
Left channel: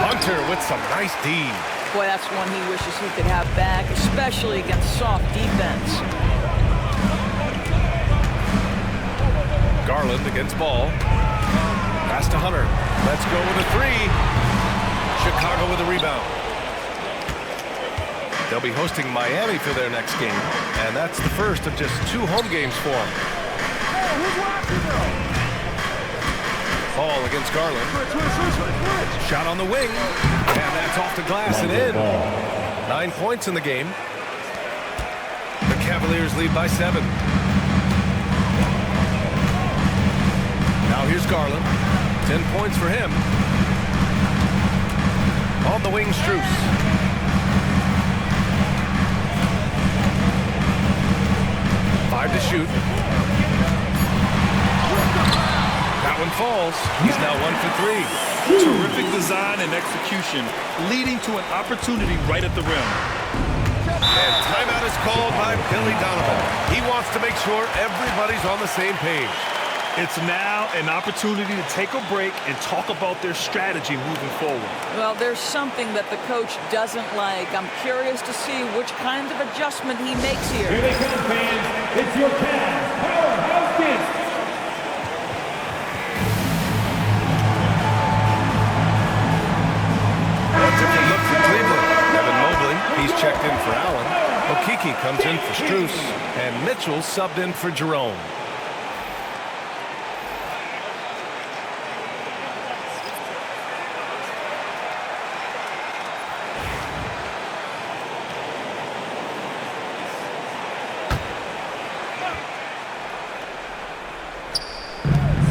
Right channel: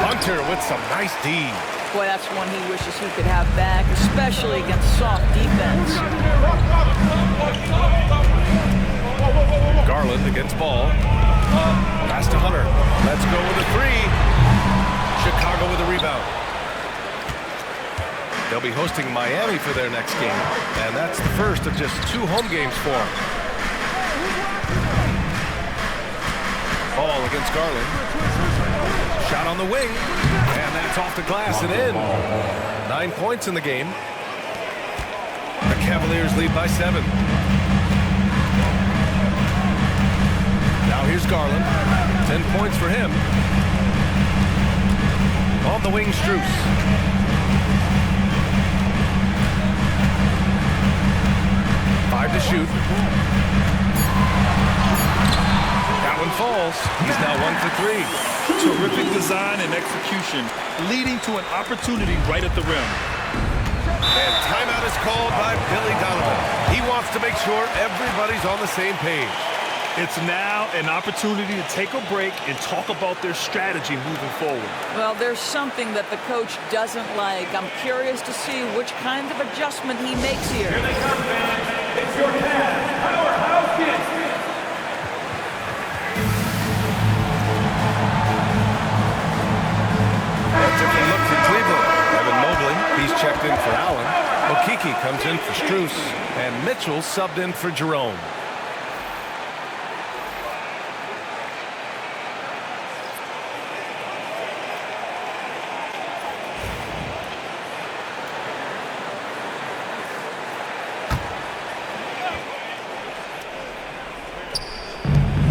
Hunter with some nice D. Boy, that's one he wishes he could have back, especially against soft defense. Garland against Ball. Pass to Hunter. Let's go with a 3. Chicago with a rebound. They'll be hosting Miami for their next game, and that's the first of just 2 home games for them. Ball against Garland. Shot on the wing, and that's off the glass and in. 9 points in the game. The Cavaliers lead by 7. Now here's Garland. 10 points for him. On the wing, Strus. Five to shoot. That one falls. He's now 1 for 3. Terrific design and execution, leading to an opportunity right at the rim. And timeout is called by Billy Donovan. He wants to make sure everybody's on the same page. It's now an opportunity to take a break and talk about their strategy moving forward. Well, there's something that the coach doesn't like. I'm curious to see which kind of adjustment he makes here. Here they come, fans. It's your Cavs Powerhouse Kids. A different look for Cleveland. Evan Mobley, he's checked in for Allen. Okeke comes in for Strus. And Mitchell subbed in for Jerome.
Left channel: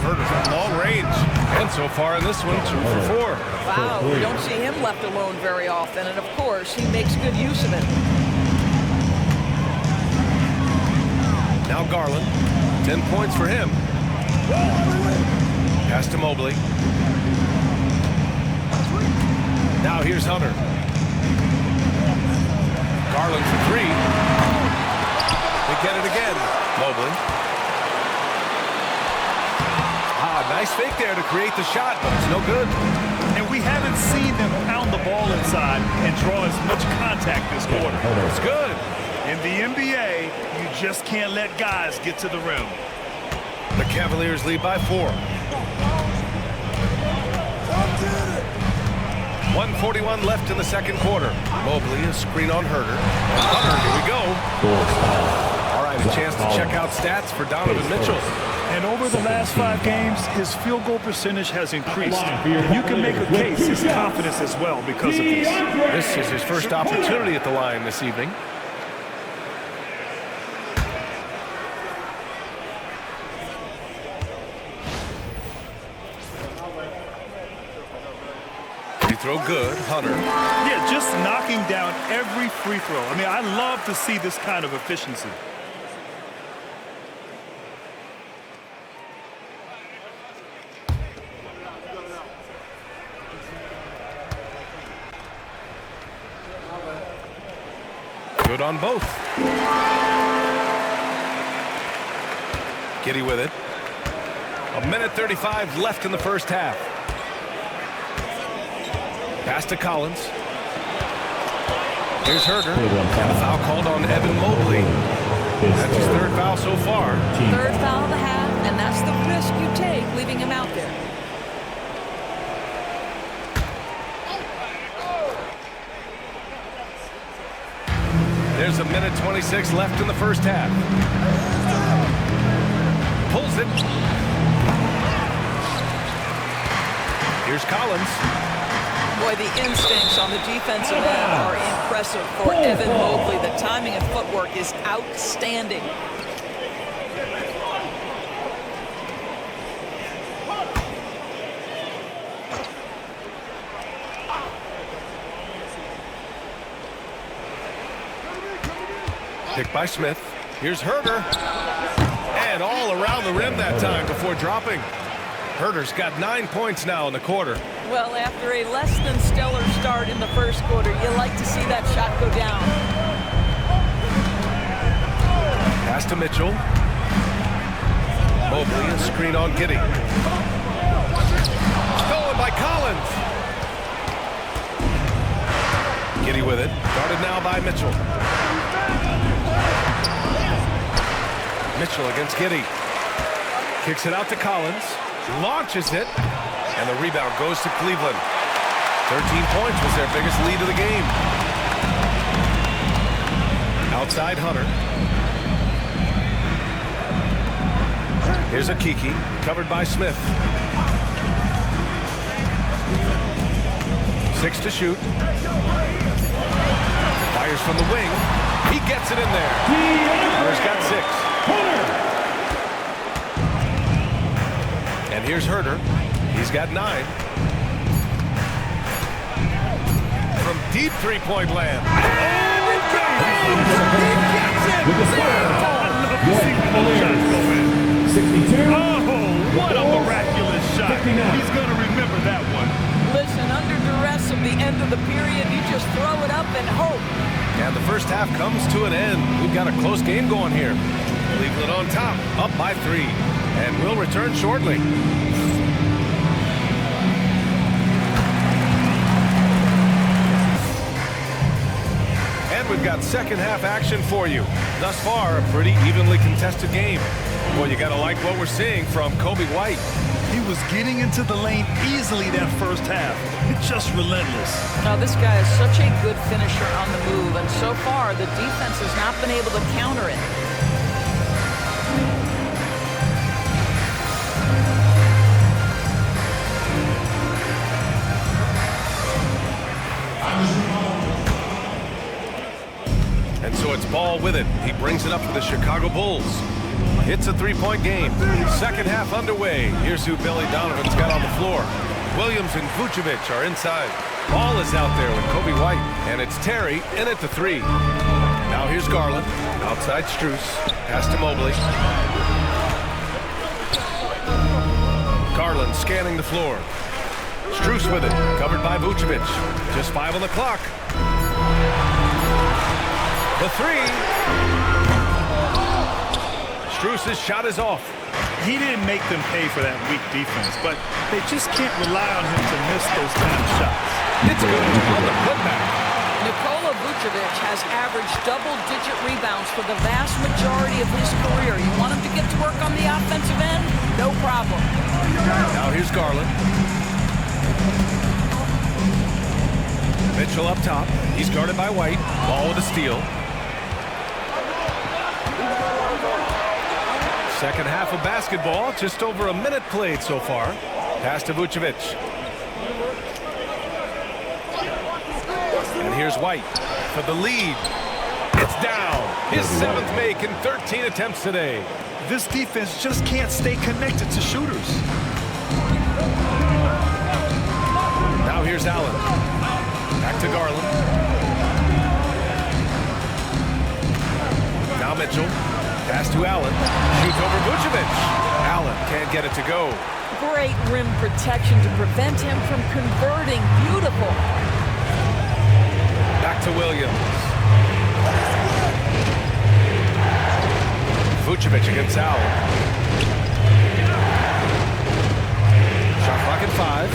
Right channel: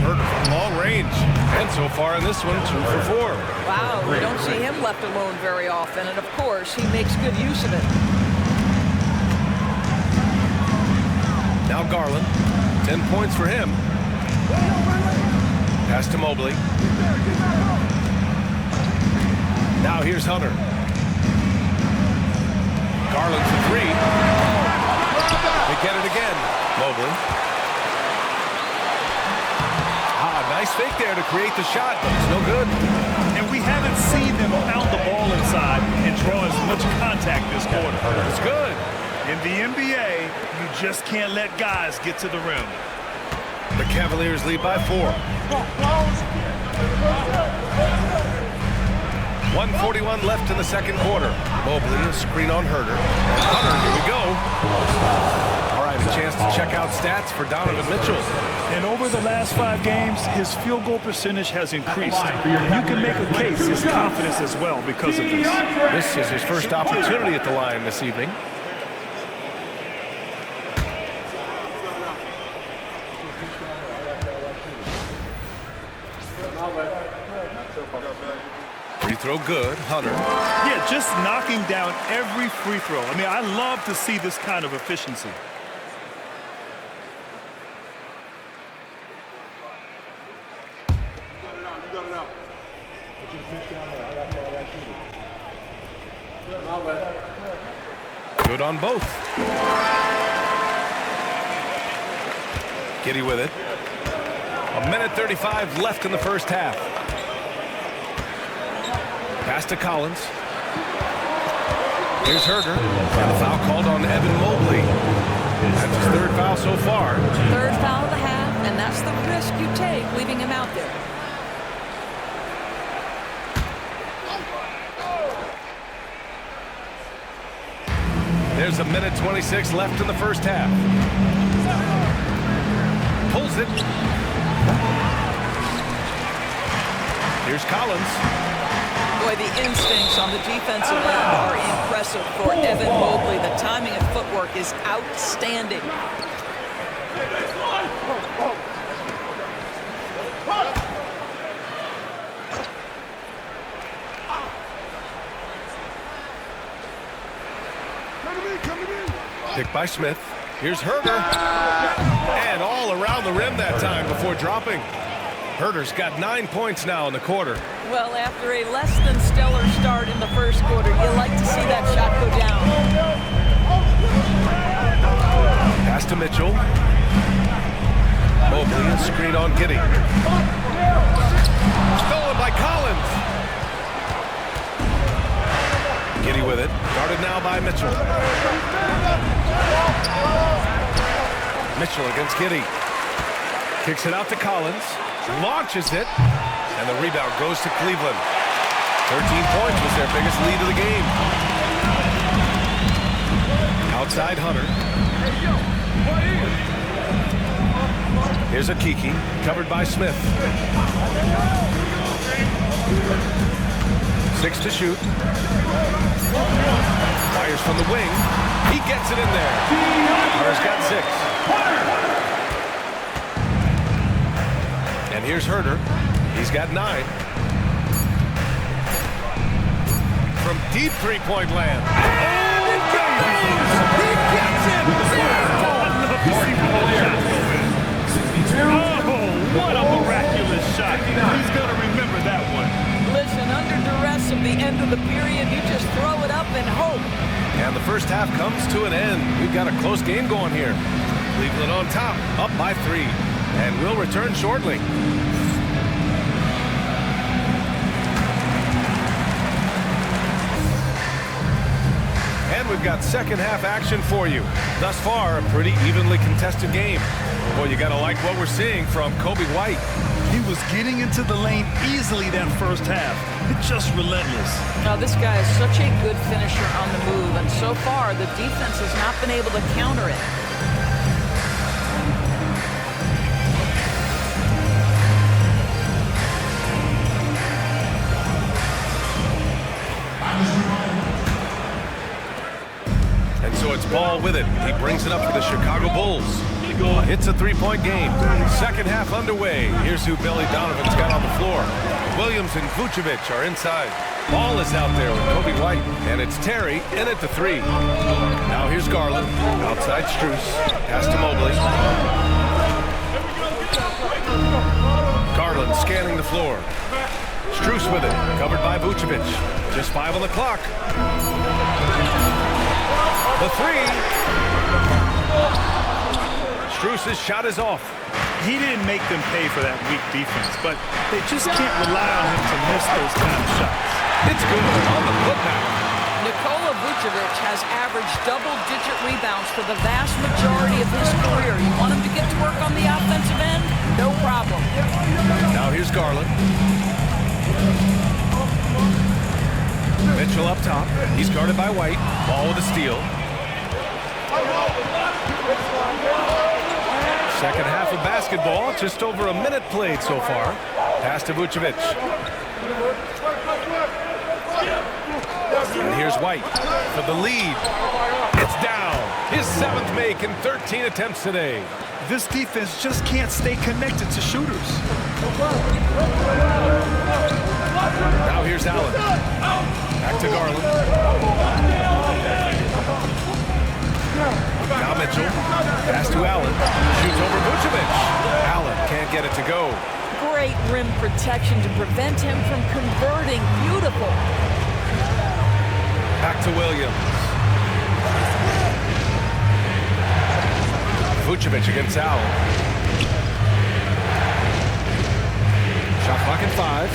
From long range. And so far in this one, 2 for 4. Wow, we don't see him left alone very often, and of course, he makes good use of it. Now Garland. 10 points for him. Pass to Mobley. Now here's Hunter. Garland for 3. They get it again. Mobley. Nice fake there to create the shot, but it's no good. And we haven't seen them pound the ball inside and draw as much contact this quarter. It's good. In the NBA, you just can't let guys get to the rim. The Cavaliers lead by 4. 1:41 left in the second quarter. Mobley, a screen on Herter. And Hunter, here we go. All right, a chance to check out stats for Donovan Mitchell. And over the last 5 games, his field goal percentage has increased. You can make a case his confidence as well because of this. This is his first opportunity at the line this evening. Free throw good, Hunter. Yeah, just knocking down every free throw. I mean, I love to see this kind of efficiency. Good on both. Giddy with it. 1:35 left in the first half. Pass to Collins. Here's Herter. And the foul called on Evan Mobley. That's his 3rd foul so far. 3rd foul of the half, and that's the risk you take leaving him out there. There's 1:26 left in the first half. Pulls it. Here's Collins. Boy, the instincts on the defensive end are impressive for Evan Mobley. The timing and footwork is outstanding. Picked by Smith. Here's Herter. And all around the rim that time before dropping. Herter's got 9 points now in the quarter. Well, after a less than stellar start in the first quarter, you like to see that shot go down. Pass to Mitchell. Mobley, a screen on Giddy. Stolen by Collins. Giddy with it. Guarded now by Mitchell. Mitchell against Giddy. Kicks it out to Collins. Launches it. And the rebound goes to Cleveland. 13 points was their biggest lead of the game. Outside Hunter. Here's a Kiki, covered by Smith. 6 to shoot. Fires from the wing. He gets it in there. Hunter's got 6. And here's Herter. He's got 9. From deep three-point land. And it goes! He gets it! I'd love to see both shots go in. 62. Oh, what a miraculous shot. He's going to remember that one. Listen, under duress of the end of the period, you just throw it up and hope. And the first half comes to an end. We've got a close game going here. Cleveland on top, up by 3. And we'll return shortly. And we've got second half action for you. Thus far, a pretty evenly contested game. Boy, you gotta like what we're seeing from Kobe White. He was getting into the lane easily that first half. It's just relentless. Now, this guy is such a good finisher on the move, and so far, the defense has not been able to counter it. And so it's Ball with it. He brings it up for the Chicago Bulls. It's a 3-point game. Second half underway. Here's who Billy Donovan's got on the floor. Williams and Vucevic are inside. Ball is out there with Kobe White. And it's Terry in at the 3. Now here's Garland. Outside Strus. Pass to Mobley. Garland scanning the floor. Strus with it. Covered by Vucevic. Just 5 on the clock. The 3. Strus's shot is off. He didn't make them pay for that weak defense, but they just can't rely on him to miss those kind of shots. It's good on the putback. Nikola Vucevic has averaged double-digit rebounds for the vast majority of his career. You want him to get to work on the offensive end? No problem. Now here's Garland. Mitchell up top. He's guarded by White. Ball with a steal. Second half of basketball. Just over a minute played so far. Pass to Vucevic. And here's White for the lead. It's down. His 7th make in 13 attempts today. This defense just can't stay connected to shooters. Now here's Allen. Back to Garland. Now Mitchell. Pass to Allen. Shoots over Vucevic. Allen can't get it to go. Great rim protection to prevent him from converting. Beautiful. Back to Williams. Vucevic against Allen. Shot clock at 5.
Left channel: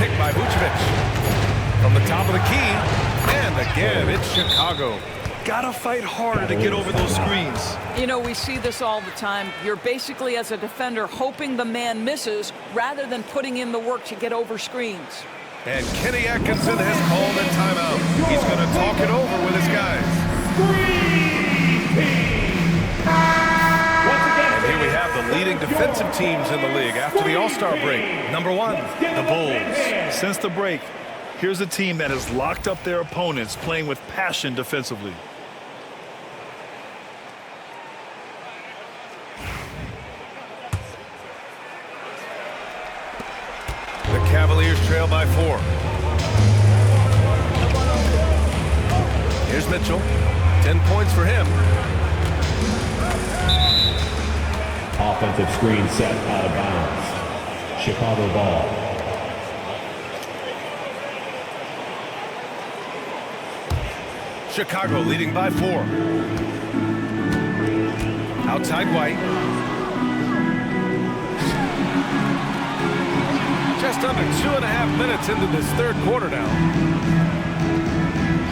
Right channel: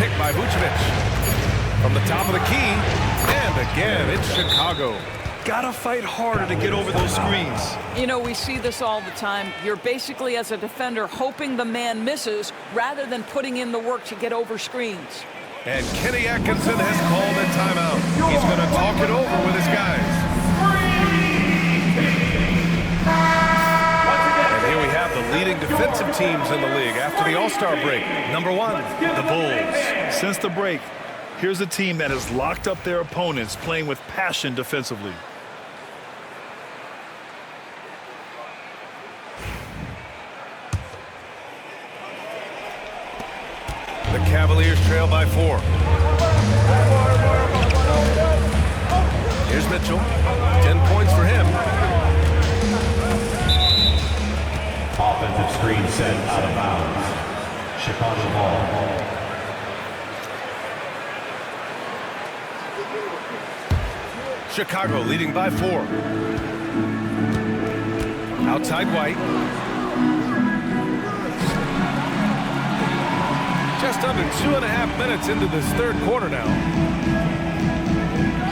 Picked by Vucevic. From the top of the key. And again, it's Chicago. Gotta fight harder to get over those screens. You know, we see this all the time. You're basically, as a defender, hoping the man misses rather than putting in the work to get over screens. And Kenny Atkinson has called a timeout. He's going to talk it over with his guys. And here we have the leading defensive teams in the league after the All-Star break. Number 1, the Bulls. Since the break, here's a team that has locked up their opponents, playing with passion defensively. The Cavaliers trail by 4. Here's Mitchell. 10 points for him. Offensive screen set out of bounds. Chicago ball. Chicago leading by 4. Outside White. Just under 2.5 minutes into this third quarter now.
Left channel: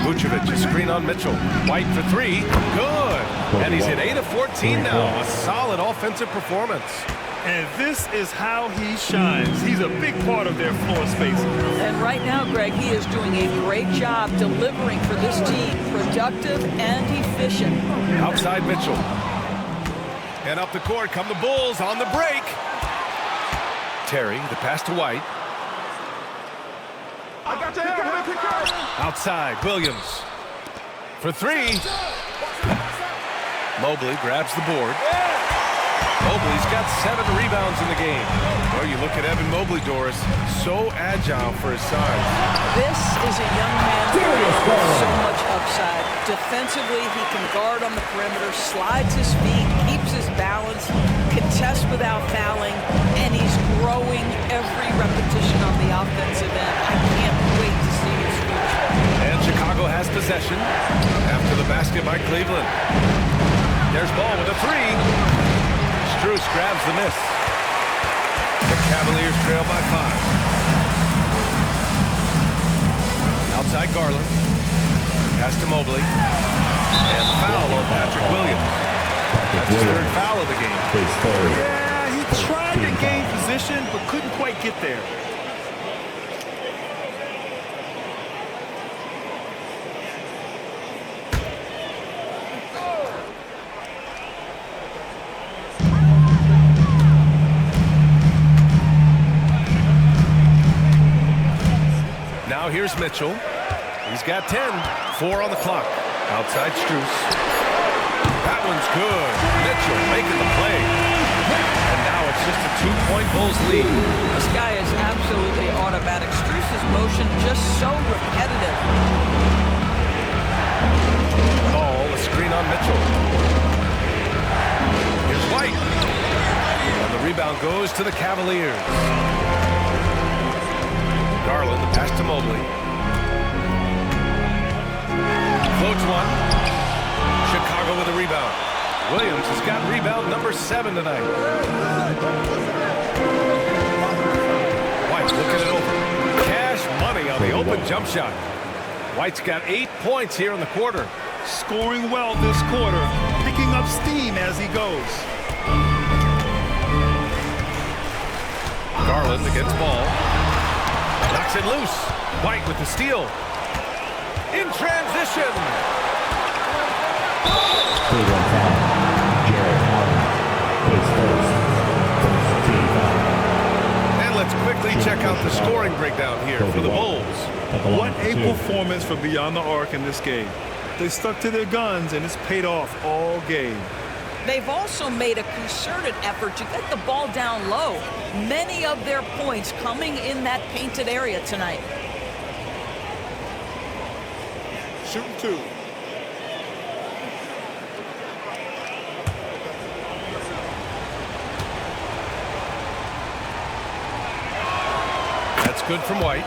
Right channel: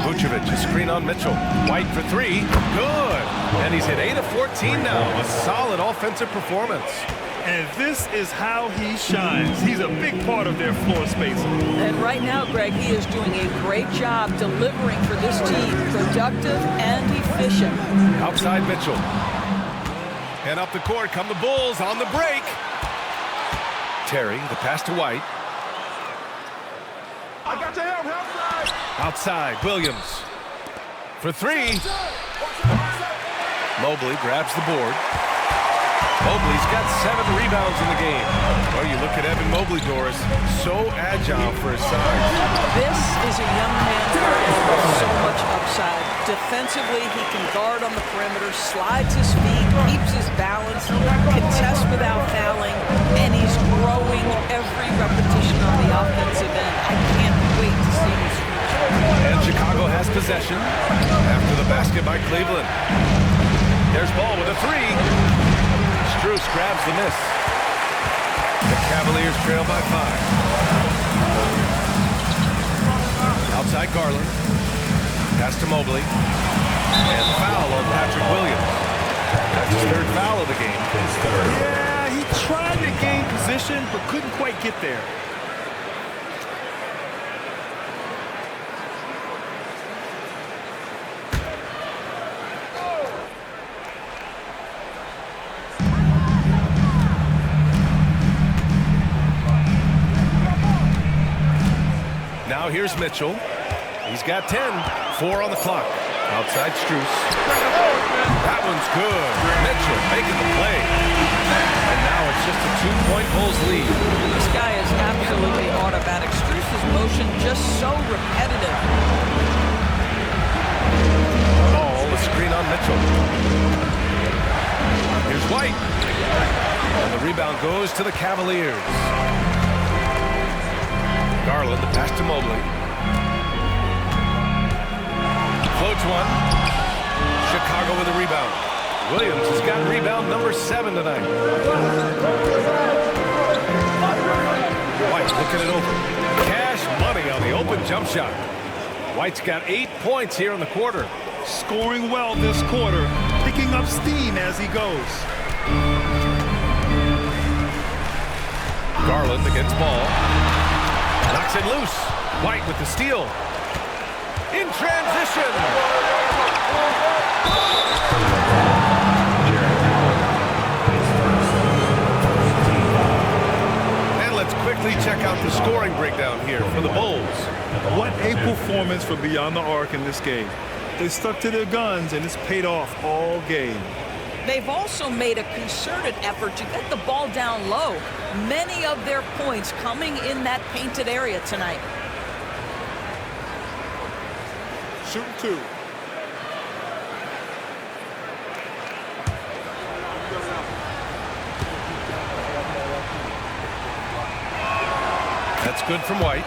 Vucevic, a screen on Mitchell. White for 3. Good. And he's hit 8 of 14 now. A solid offensive performance. And this is how he shines. He's a big part of their floor space. And right now, Greg, he is doing a great job delivering for this team. Productive and efficient. Outside Mitchell. And up the court come the Bulls on the break. Terry, the pass to White. I got your hand. Outside, Williams. For 3. Mobley grabs the board. Mobley's got 7 rebounds in the game. Well, you look at Evan Mobley, Doris, so agile for his size. This is a young man with so much upside. Defensively, he can guard on the perimeter, slides his feet, keeps his balance, contests without fouling, and he's growing every repetition on the offensive end. I can't wait to see his future. And Chicago has possession after the basket by Cleveland. There's Ball with a 3. Strus grabs the miss. The Cavaliers trail by 5. Outside Garland. Pass to Mobley. And the foul on Patrick Williams. That's his 3rd foul of the game. Yeah, he tried to gain position, but couldn't quite get there. Now here's Mitchell. He's got 10. 4 on the clock. Outside Strus. That one's good. Mitchell making the play. And now it's just a 2-point Bulls lead. This guy is absolutely automatic. Strus's motion just so repetitive. Ball, a screen on Mitchell. Here's White. And the rebound goes to the Cavaliers. Garland, the pass to Mobley. Floats one. Chicago with a rebound. Williams has got rebound number 7 tonight. White looking it over. Cash money on the open jump shot. White's got 8 points here in the quarter. Scoring well this quarter, picking up steam as he goes. Garland against Ball. Knocks it loose. White with the steal. In transition. And let's quickly check out the scoring breakdown here for the Bulls. What a performance from beyond the arc in this game. They stuck to their guns, and it's paid off all game. They've also made a concerted effort to get the ball down low. Many of their points coming in that painted area tonight. Shooting 2. That's good from White.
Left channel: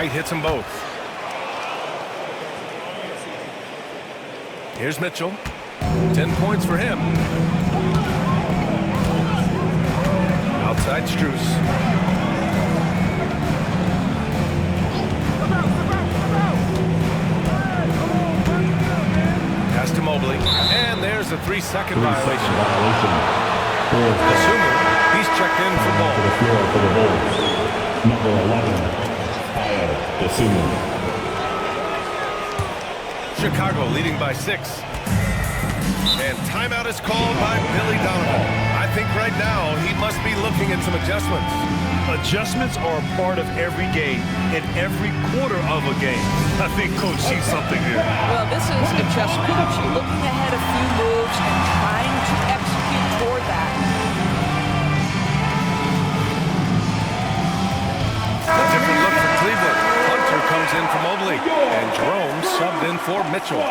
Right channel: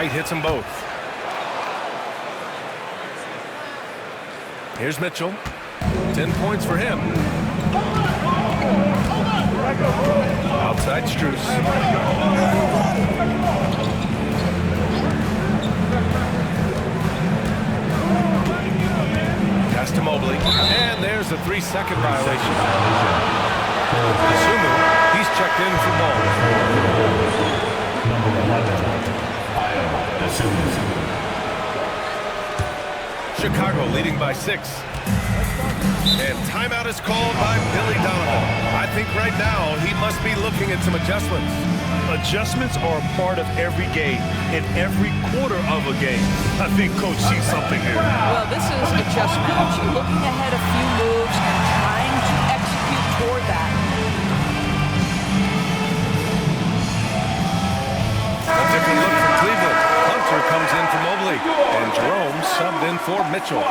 White hits them both. Here's Mitchell. 10 points for him. Outside Strus. Pass to Mobley. And there's a 3-second violation. Asumu, he's checked in for ball. Number 11, Asumu. Chicago leading by 6. And timeout is called by Billy Donovan. I think right now he must be looking at some adjustments. Adjustments are a part of every game, in every quarter of a game. I think Coach sees something here. Well, this is a chess match. You're looking ahead a few moves and trying to execute toward that. A different look for Cleveland. Hunter comes in for Mobley, and Jerome subbed in for Mitchell.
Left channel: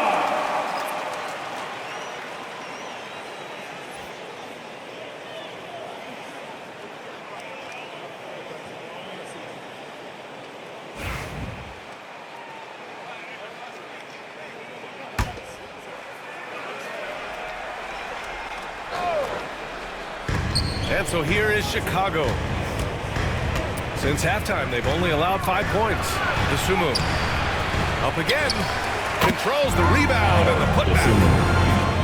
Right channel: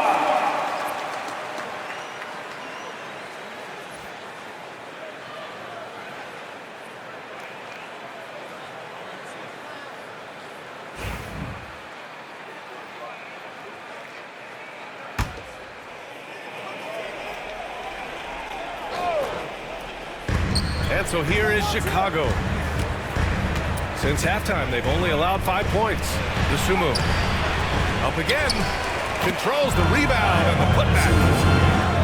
And so here is Chicago. Since halftime, they've only allowed 5 points. Asumu up again, controls the rebound and the putback.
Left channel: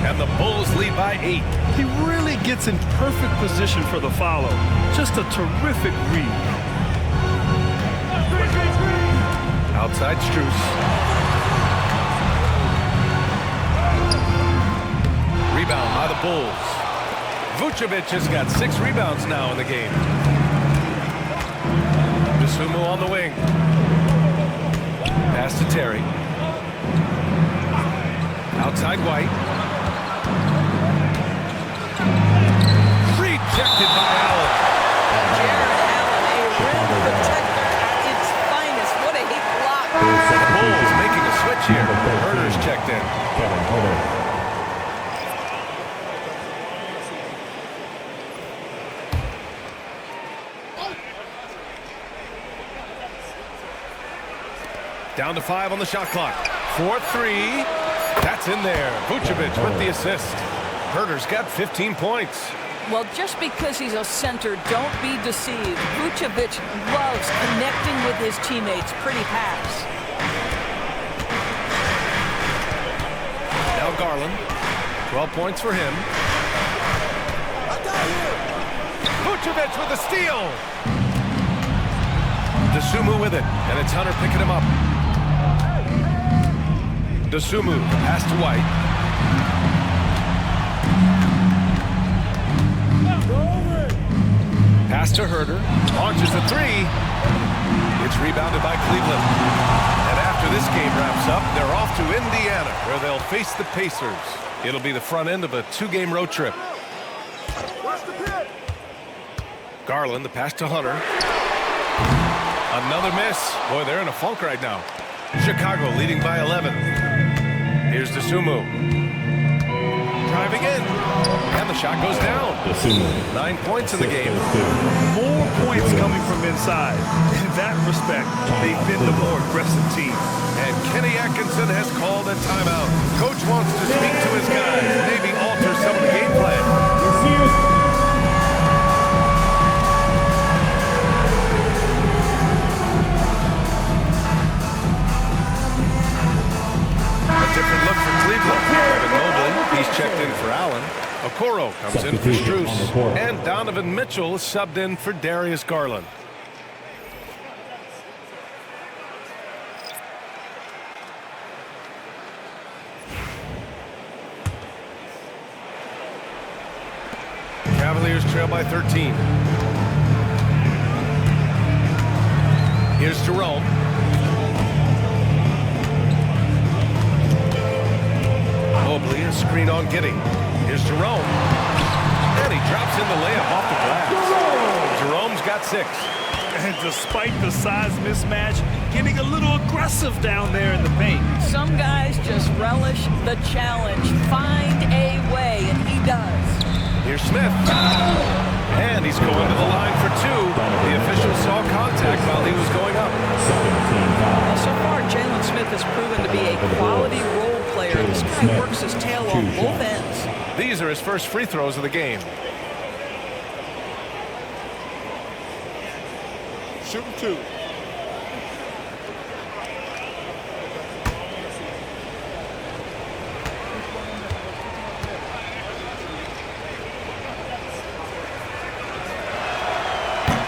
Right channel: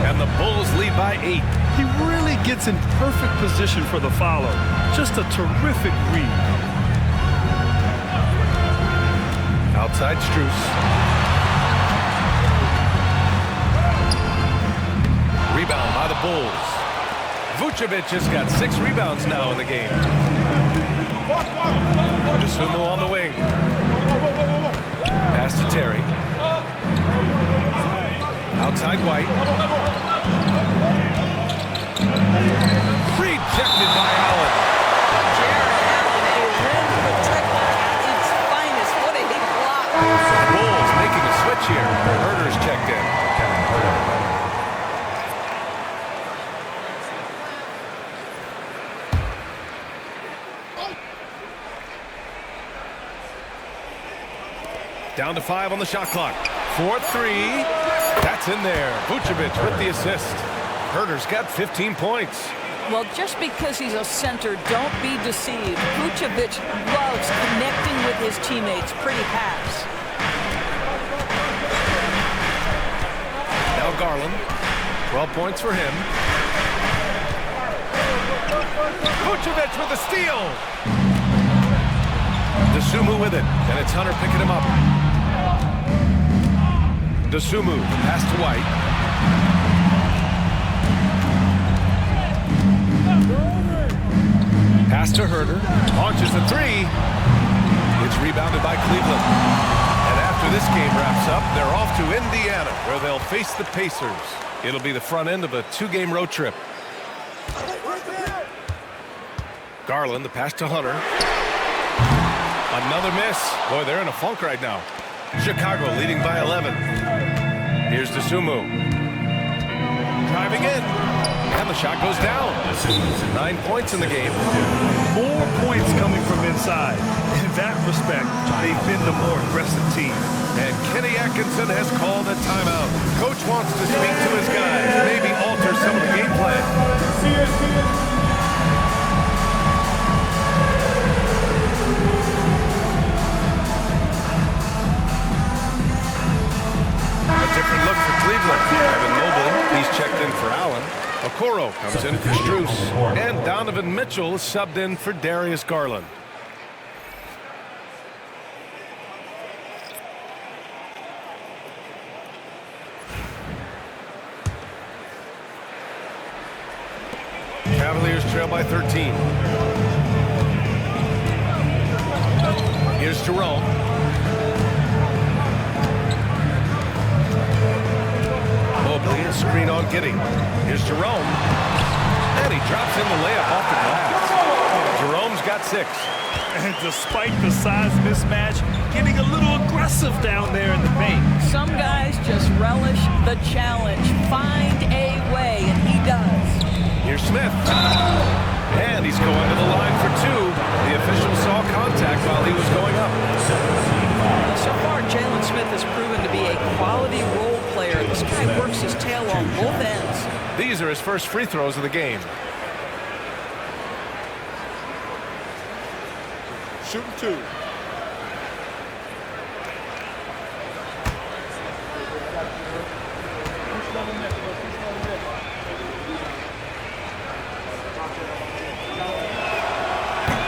And the Bulls lead by 8. He really gets in perfect position for the follow. Just a terrific read. Outside Strus. Rebound by the Bulls. Vucevic has got 6 rebounds now in the game. Asumu on the wing. Pass to Terry. Outside White. Rejected by Allen. Jared Allen, a rim protector at its finest. What a block. The Bulls making a switch here. Herder's checked in. Kevin Herder. Down to 5 on the shot clock. 4-3. That's in there. Vucevic with the assist. Herder's got 15 points. Well, just because he's a center, don't be deceived. Vucevic loves connecting with his teammates. Pretty pass. Now Garland. 12 points for him. Vucevic with the steal. Asumu with it, and it's Hunter picking him up. Asumu, the pass to White. Pass to Herder, launches a 3. It's rebounded by Cleveland. And after this game wraps up, they're off to Indiana, where they'll face the Pacers. It'll be the front end of a 2-game road trip. Garland, the pass to Hunter. Another miss. Boy, they're in a funk right now. Chicago leading by 11. Here's Asumu. Driving in. And the shot goes down. 9 points in the game. More points coming from inside. In that respect, they've been the more aggressive team. And Kenny Atkinson has called a timeout. Coach wants to speak to his guys, maybe alter some of the game plan. A different look for Cleveland. Evan Mobley, he's checked in for Allen. Okoro comes in for Strus. And Donovan Mitchell is subbed in for Darius Garland. Cavaliers trail by 13. Here's Jerome. Mobley, a screen on Giddey. Here's Jerome. And he drops in the layup off the glass. Jerome's got 6. And despite the size mismatch, getting a little aggressive down there in the paint. Some guys just relish the challenge. Find a way, and he does. Here's Smith. And he's going to the line for 2. The official saw contact while he was going up. Now, so far, Jalen Smith has proven to be a quality role player. This guy works his tail on both ends. These are his first free throws of the game. Shooting 2.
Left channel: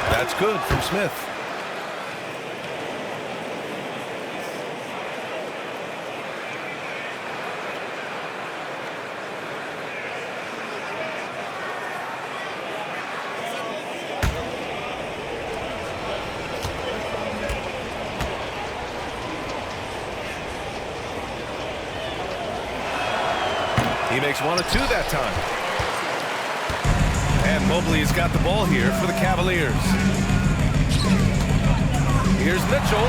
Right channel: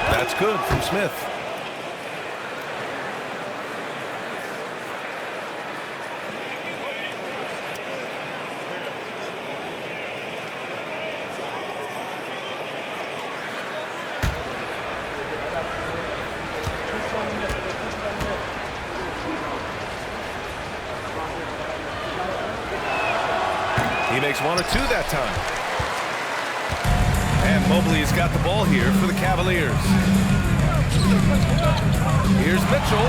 That's good from Smith. He makes 1 of 2 that time. And Mobley's got the ball here for the Cavaliers. Here's Mitchell.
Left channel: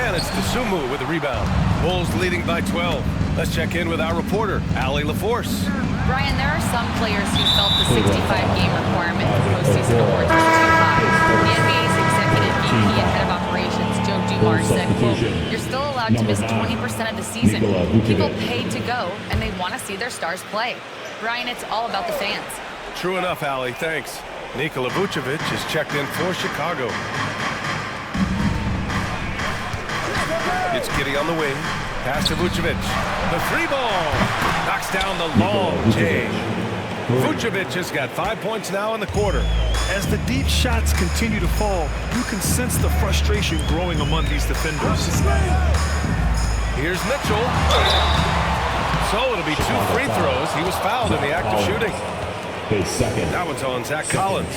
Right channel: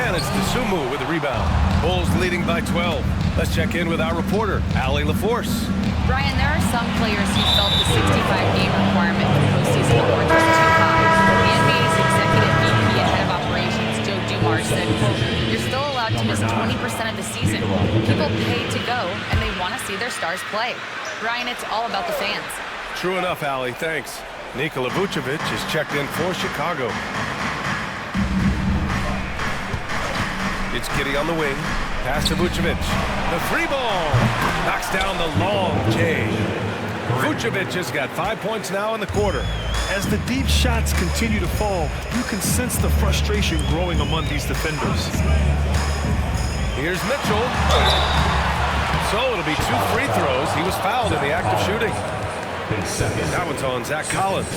And it's Dosunmu with the rebound. Bulls leading by 12. Let's check in with our reporter, Allie LaForce. Brian, there are some players who felt the 65-game requirement for postseason awards was too high. The NBA's executive VP and head of operations, Joe Dumars, said, quote, "You're still allowed to miss 20% of the season. People pay to go, and they want to see their stars play." Brian, it's all about the fans. True enough, Allie. Thanks. Nikola Vucevic is checked in for Chicago. It's Giddey on the wing. Pass to Vucevic. The 3 ball. Knocks down the long J. Vucevic has got 5 points now in the quarter. As the deep shots continue to fall, you can sense the frustration growing among these defenders. Here's Mitchell. So it'll be 2 free throws. He was fouled in the act of shooting. That one's on Zach Collins.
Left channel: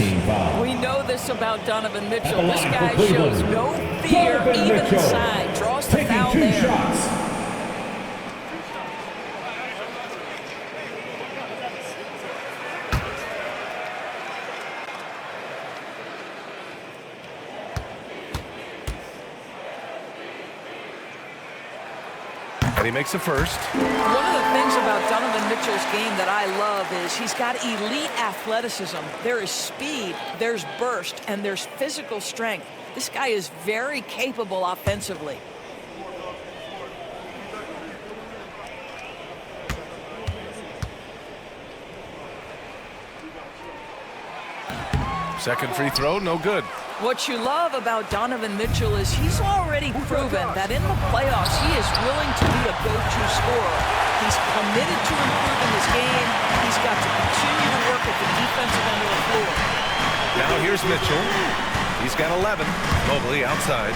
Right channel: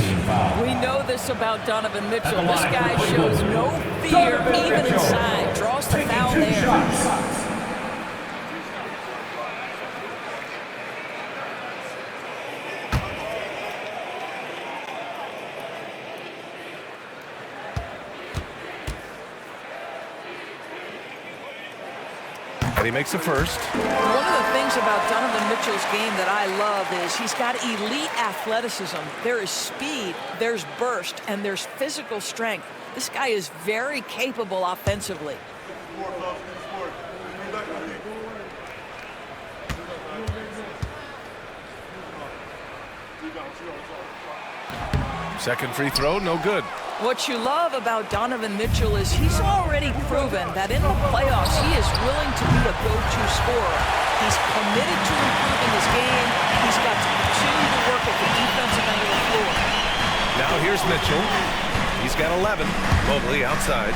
We know this about Donovan Mitchell. This guy shows no fear, even inside. Draws the foul there. And he makes the first. One of the things about Donovan Mitchell's game that I love is he's got elite athleticism. There is speed, there's burst, and there's physical strength. This guy is very capable offensively. Second free throw, no good. What you love about Donovan Mitchell is he's already proven that in the playoffs he is willing to be a go-to scorer. He's committed to improving his game. He's got to continue to work at the defensive end of the floor. Now here's Mitchell. He's got 11. Mobley outside.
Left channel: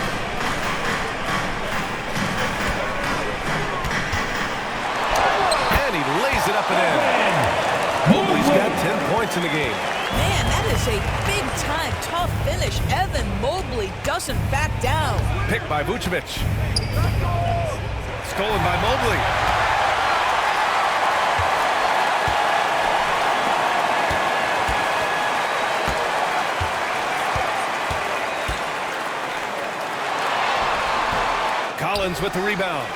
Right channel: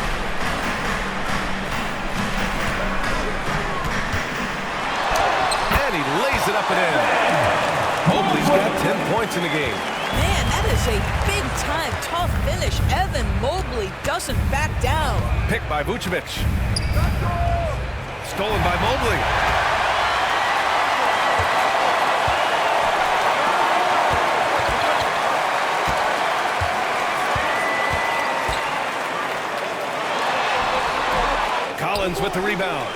And he lays it up and in. Mobley's got 10 points in the game. Man, that is a big-time, tough finish. Evan Mobley doesn't back down. Picked by Vucevic. Stolen by Mobley. Collins with the rebound.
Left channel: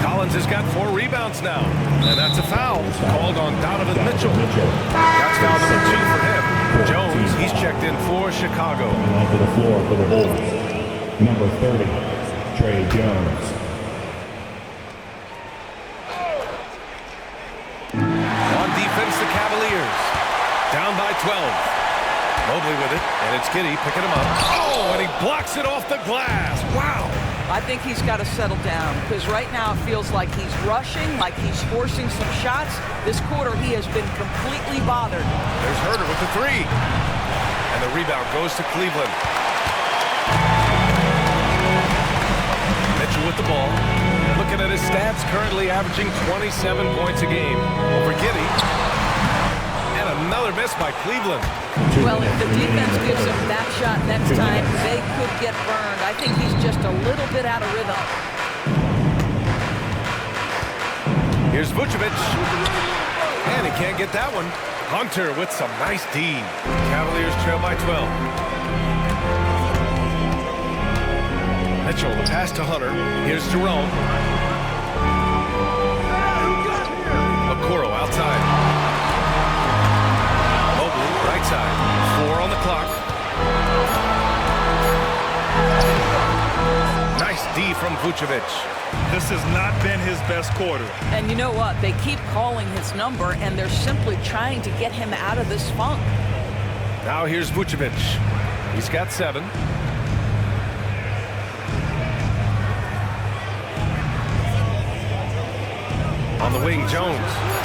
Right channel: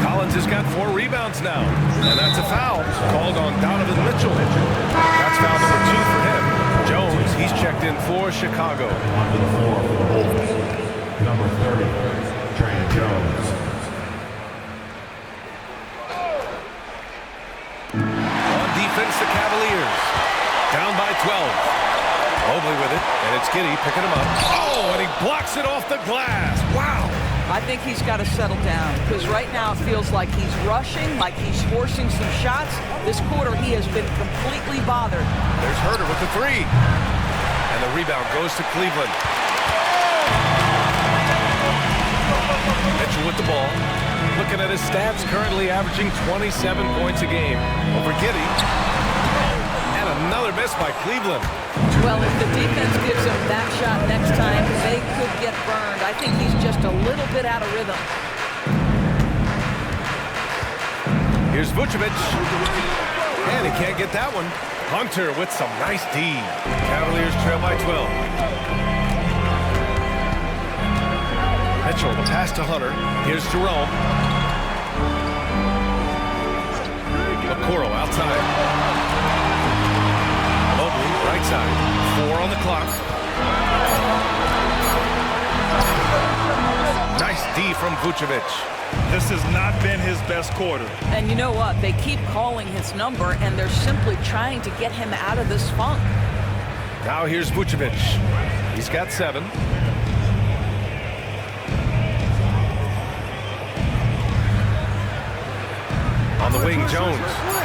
Collins has got 4 rebounds now. And that's a foul called on Donovan Mitchell. That's foul number 2 for him. Jones, he's checked in for Chicago. Coming onto the floor for the Bulls, number 30, Trey Jones. On defense, the Cavaliers. Down by 12. Mobley with it, and it's Giddey picking him up. Oh, and he blocks it off the glass. Wow. I think he's got to settle down because right now it feels like he's rushing, like he's forcing some shots. This quarter, he has been completely bothered. There's Herter with the three. And the rebound goes to Cleveland. Mitchell with the ball. Looking at his stats, currently averaging 27 points a game over Giddey. And another miss by Cleveland. Well, if the defense gives him that shot next time, they could get burned. I think he's just a little bit out of rhythm. Here's Vucevic. And he can't get that one. Hunter with some nice D. Cavaliers trail by 12. Mitchell, the pass to Hunter. Here's Jerome. Okoro outside. Mobley, right side. 4 on the clock. Nice D from Vucevic. This has not been his best quarter. And you know what? They keep calling his number, and they're simply trying to get him out of this funk. Now here's Vucevic. He's got 7. On the wing, Jones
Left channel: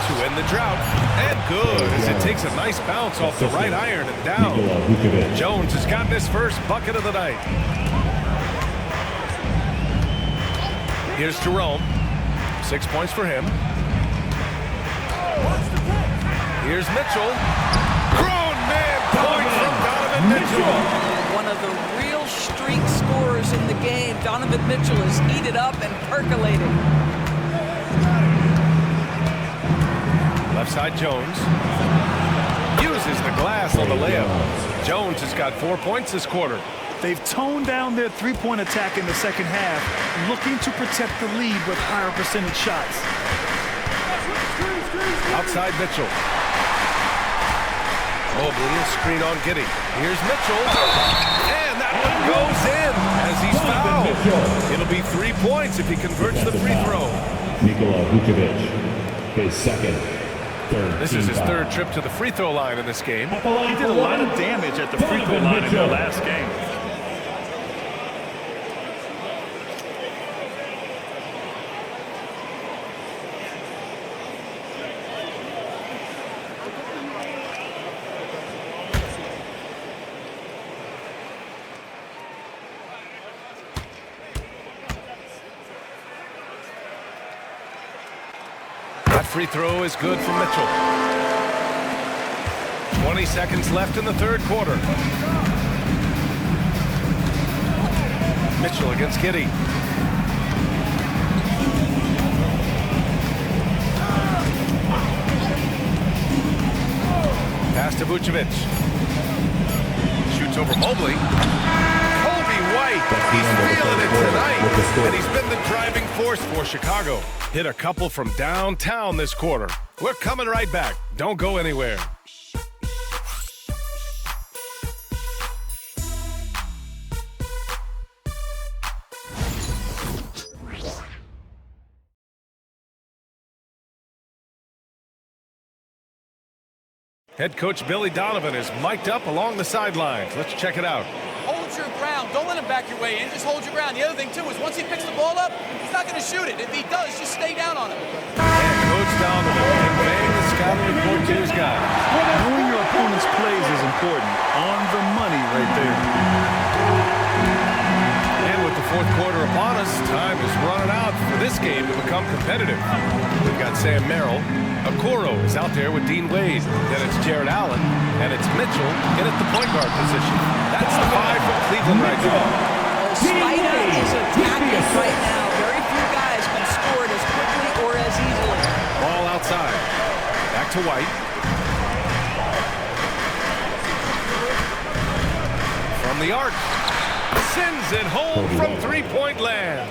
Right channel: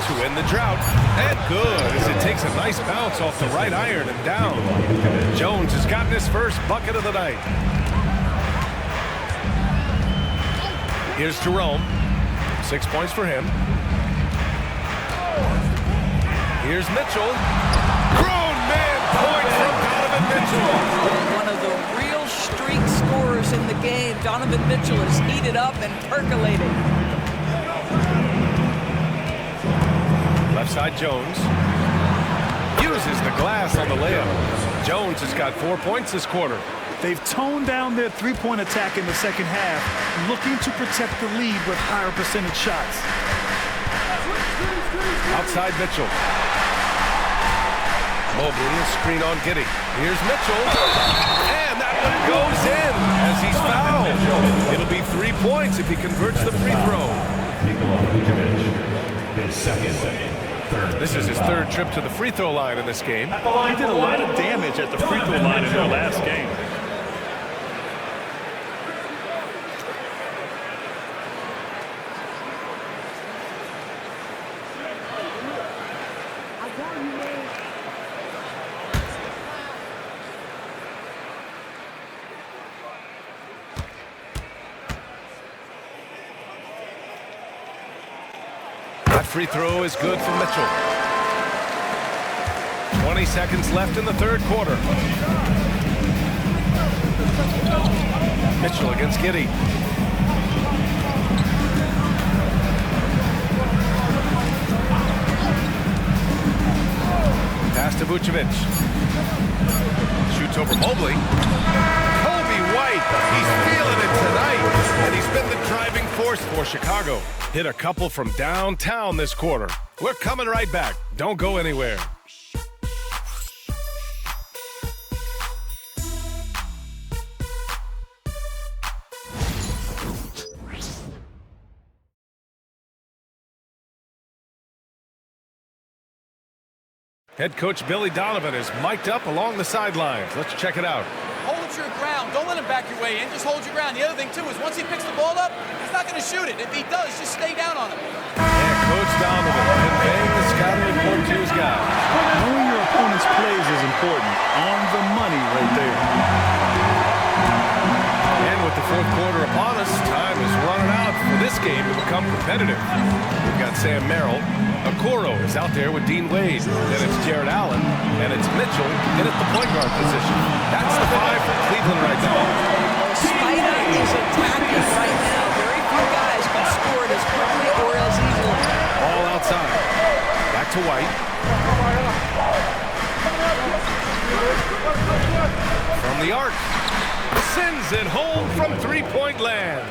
to end the drought. And good, as it takes a nice bounce off the right iron and down. Jones has gotten his first bucket of the night. Here's Jerome. 6 points for him. Here's Mitchell. Grown man point from Donovan Mitchell. One of the real streak scorers in the game. Donovan Mitchell is heated up and percolating. Left side, Jones. Uses the glass on the layup. Jones has got 4 points this quarter. They've toned down their three-point attack in the second half, looking to protect the lead with higher percentage shots. Outside Mitchell. Mobley, a screen on Giddey. Here's Mitchell. And that one goes in as he's fouled. It'll be 3 points if he converts the free throw. Nikola Vucevic, his second. This is his 3rd trip to the free throw line in this game. He did a lot of damage at the free throw line in their last game. That free throw is good for Mitchell. 20 seconds left in the 3rd quarter. Mitchell against Giddey. Pass to Vucevic. Shoots over Mobley. White, he's feeling it tonight, and he's been the driving force for Chicago. Hit a couple from downtown this quarter. We're coming right back. Don't go anywhere. Head coach Billy Donovan is mic'd up along the sidelines. Let's check it out. Hold your ground. Don't let him back your way in. Just hold your ground. The other thing, too, is once he picks the ball up, he's not going to shoot it. If he does, just stay down on him. And Coach Donovan conveying the scouting report to his guys. Knowing your opponent's plays is important. On the money right there. And with the 4th quarter upon us, time is running out for this game to become competitive. We've got Sam Merrill. Okoro is out there with Dean Wade. Then it's Jared Allen, and it's Mitchell in at the point guard position. That's the 5 for Cleveland right now. Spida is attacking right now. Very few guys can score it as quickly or as easily. Ball outside. Back to White. From the arc. Sends it home from 3-point land.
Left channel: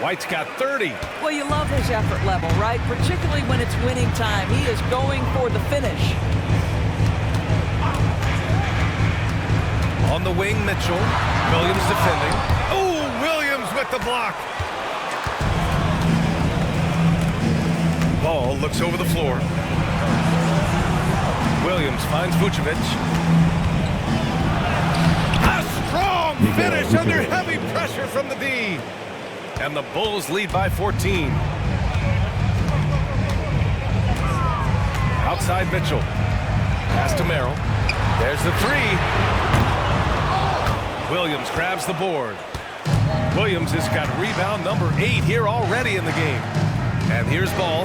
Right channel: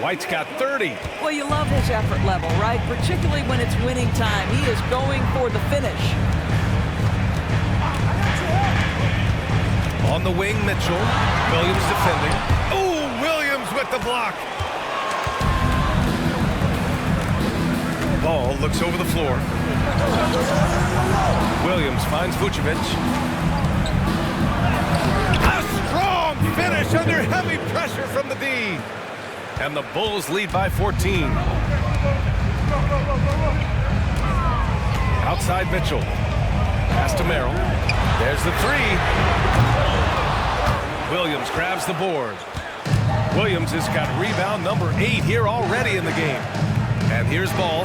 White's got 30. Well, you love his effort level, right? Particularly when it's winning time. He is going for the finish. On the wing, Mitchell. Williams defending. Oh, Williams with the block. Ball looks over the floor. Williams finds Vucevic. A strong finish under heavy pressure from the D. And the Bulls lead by 14. Outside Mitchell. Pass to Merrill. There's the three. Williams grabs the board. Williams has got rebound number 8 here already in the game. And here's Ball.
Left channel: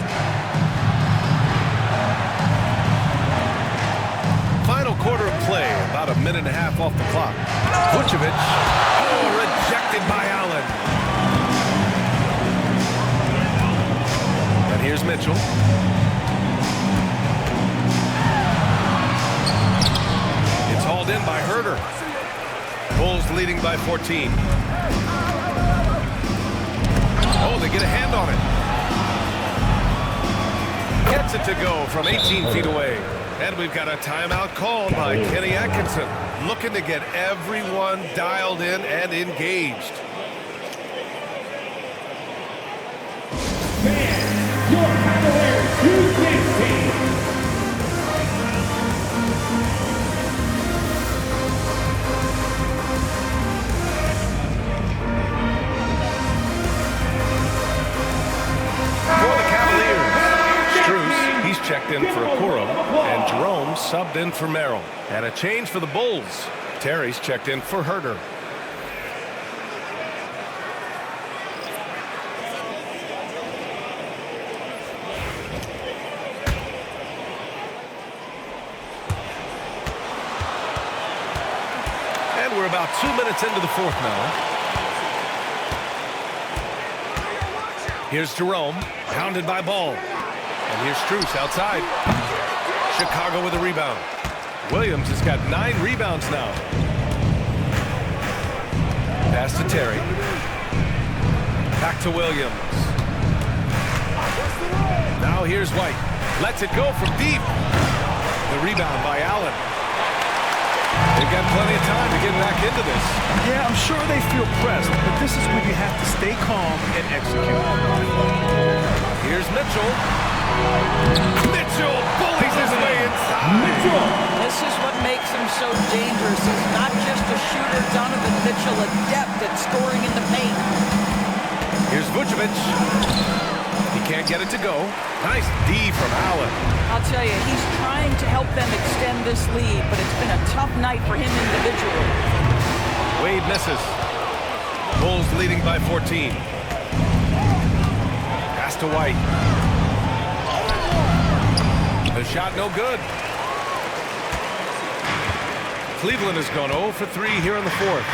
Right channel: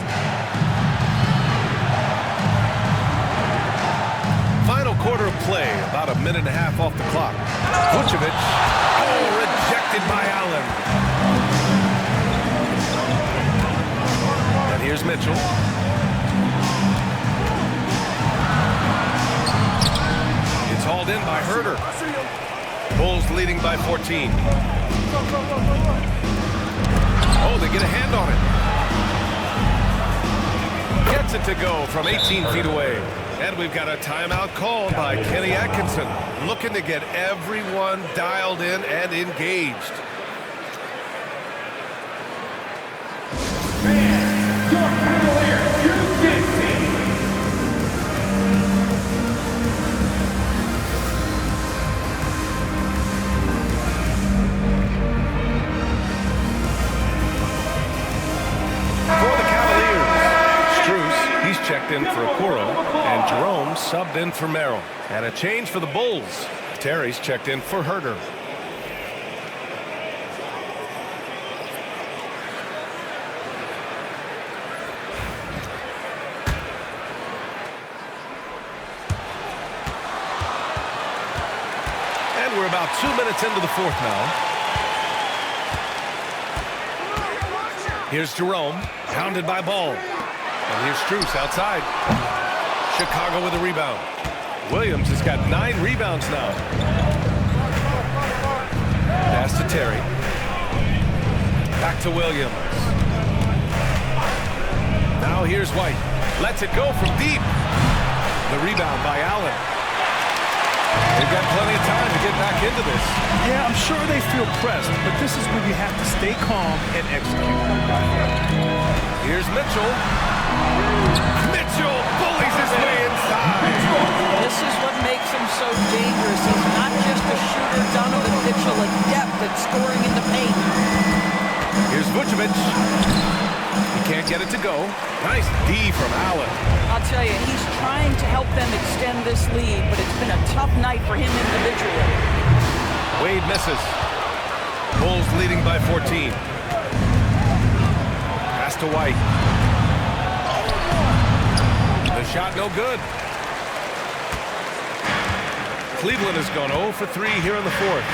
Final quarter of play, about a minute and a half off the clock. Vucevic. Oh, rejected by Allen. And here's Mitchell. It's hauled in by Herter. Bulls leading by 14. Oh, they get a hand on it. Gets it to go from 18 feet away. And we've got a timeout called by Kenny Atkinson, looking to get everyone dialed in and engaged. Your Cavaliers U15. For the Cavaliers, Strus, he's checked in for Okoro, and Jerome subbed in for Merrill. And a change for the Bulls. Terry's checked in for Herter. And we're about 2 minutes into the fourth now. Here's Jerome, hounded by Ball. And here's Strus outside. Chicago with a rebound. Williams has got 9 rebounds now. Pass to Terry. Back to Williams. Now here's White. Lets it go from deep. The rebound by Allen. They've got plenty of time to get back into this. Yeah, I'm sure they feel pressed, but this is when you have to stay calm and execute. Here's Mitchell. Mitchell bullies his way inside. This is what makes him so dangerous. He's not just a shooter. Donovan Mitchell, adept at scoring in the paint. Here's Vucevic. He can't get it to go. Nice D from Allen. I'll tell you, he's trying to help them extend this lead, but it's been a tough night for him individually. Wade misses. Bulls leading by 14. Pass to White. The shot no good. Cleveland has gone 0 for 3 here in the fourth.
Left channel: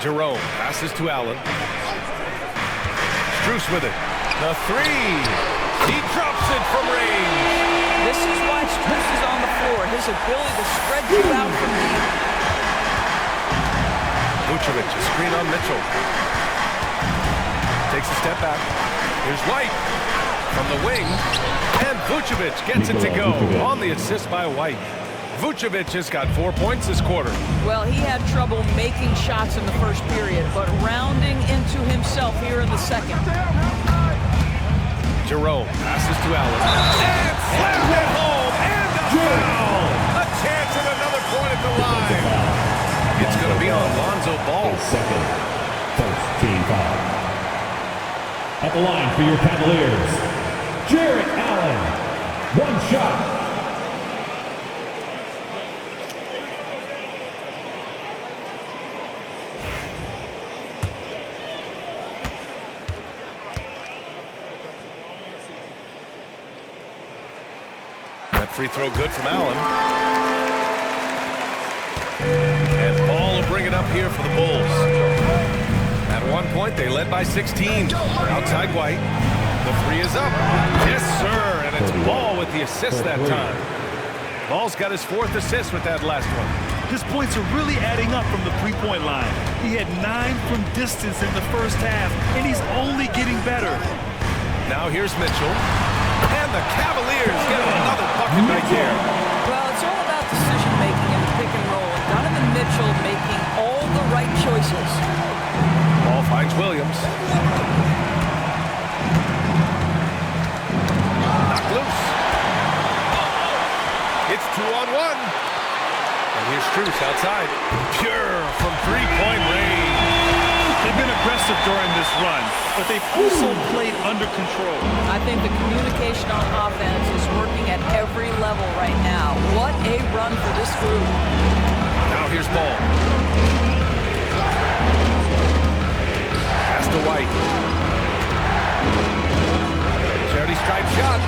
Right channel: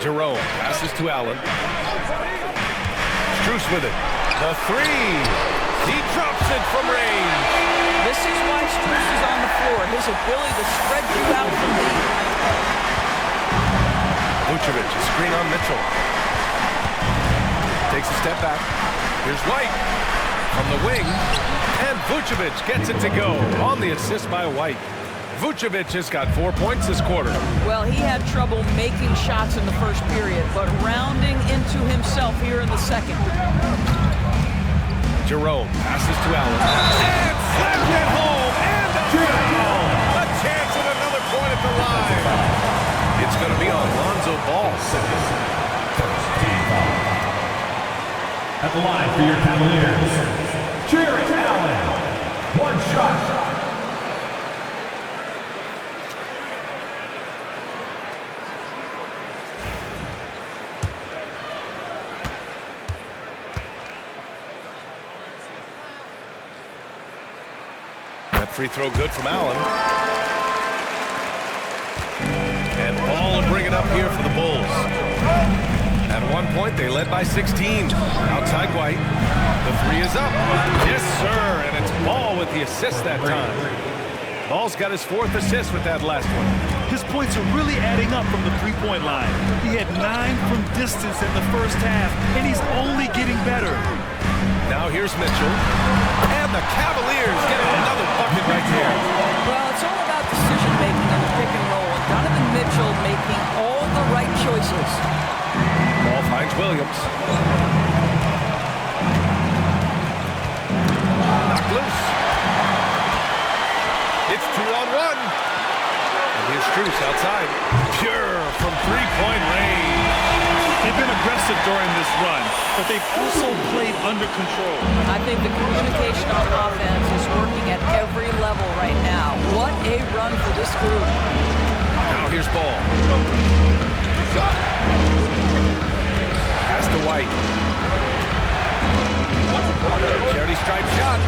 Jerome passes to Allen. Strus with it. The three. He drops it from range. This is why Strus is on the floor. His ability to spread you out from deep. Vucevic, a screen on Mitchell. Takes a step back. Here's White from the wing. And Vucevic gets it to go on the assist by White. Vucevic has got 4 points this quarter. Well, he had trouble making shots in the first period, but rounding into himself here in the second. Jerome passes to Allen. And slammed it home. And a foul. A chance at another point at the line. It's going to be on Lonzo Ball. First team foul. At the line for your Cavaliers, Jarrett Allen. One shot. That free throw good from Allen. And Ball will bring it up here for the Bulls. At one point, they led by 16. Outside White. The three is up. Yes, sir. And it's Ball with the assist that time. Ball's got his 4th assist with that last one. His points are really adding up from the three-point line. He had 9 from distance in the first half, and he's only getting better. Now here's Mitchell. And the Cavaliers get another bucket right there. Well, it's all about decision-making in the pick and roll, and Donovan Mitchell making all the right choices. Ball finds Williams. Knocked loose. It's 2-on-1. And here's Strus outside. Pure from three-point range. They've been aggressive during this run, but they've also played under control. I think the communication on offense is working at every level right now. What a run for this group. Now here's Ball. Pass to White. Charity stripe shot.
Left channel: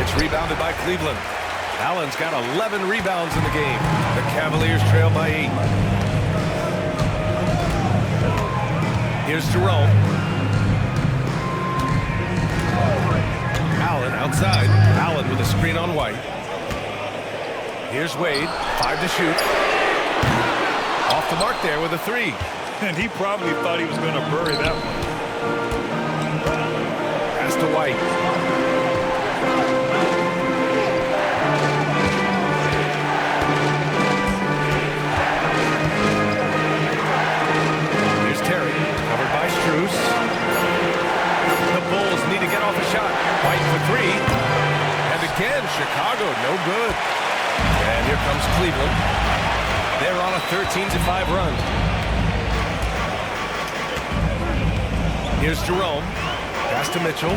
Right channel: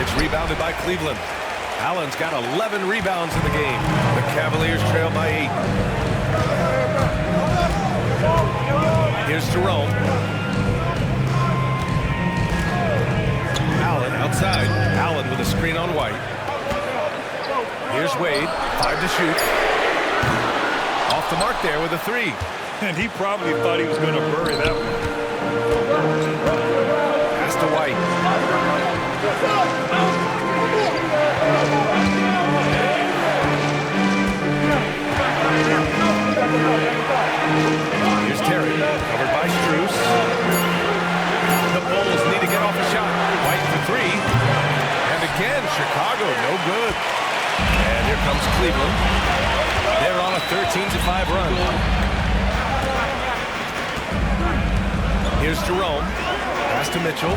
It's rebounded by Cleveland. Allen's got 11 rebounds in the game. The Cavaliers trail by 8. Here's Jerome. Allen outside. Allen with a screen on White. Here's Wade. 5 to shoot. Off the mark there with a 3. And he probably thought he was going to bury that one. Pass to White. Here's Terry, covered by Strus. The Bulls need to get off a shot. White for 3. And again, Chicago, no good. And here comes Cleveland. They're on a 13-5 run. Here's Jerome. Pass to Mitchell.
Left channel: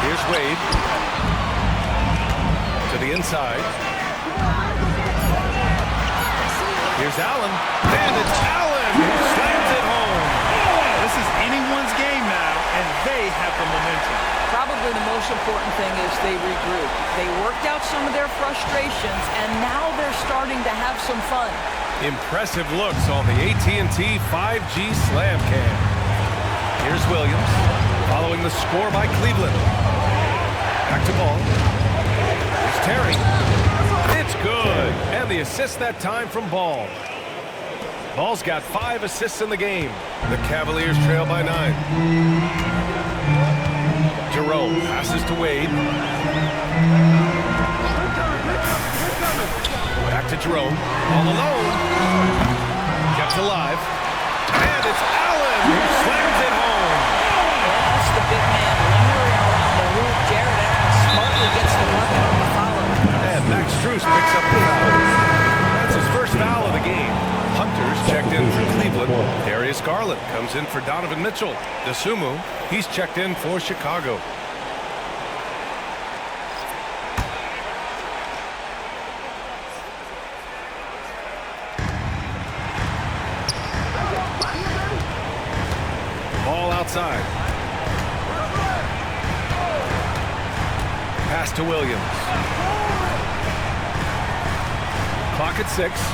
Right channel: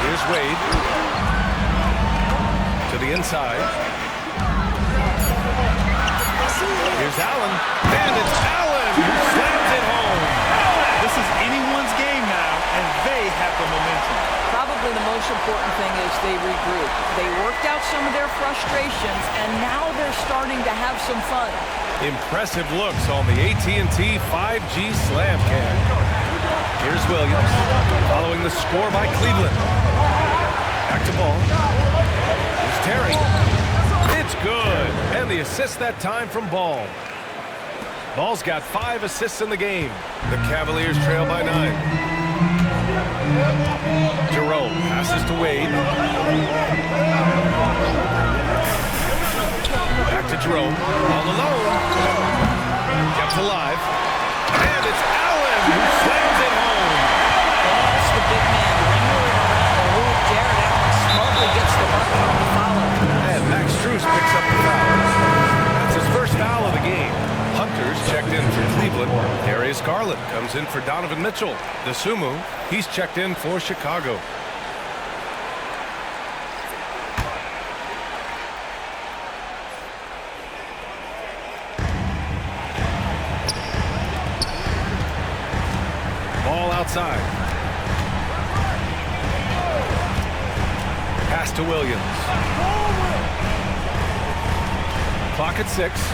Here's Wade. To the inside. Here's Allen. And it's Allen who slams it home. This is anyone's game now, and they have the momentum. Probably the most important thing is they regroup. They worked out some of their frustrations, and now they're starting to have some fun. Impressive looks on the AT&T 5G Slam Cam. Here's Williams, following the score by Cleveland. Back to Ball. Here's Terry. It's good. And the assist that time from Ball. Ball's got 5 assists in the game. The Cavaliers trail by 9. Jerome passes to Wade. Back to Jerome. All alone. Kept alive. And it's Allen who slams it home. Yeah, that's the big man lingering around the hoop. Jared Allen smartly gets the bucket on the follow. And Max Strus picks up the foul. That's his first foul of the game. Hunter's checked in for Cleveland. Darius Garland comes in for Donovan Mitchell. DeSumo, he's checked in for Chicago. Ball outside. Pass to Williams. Clock at 6.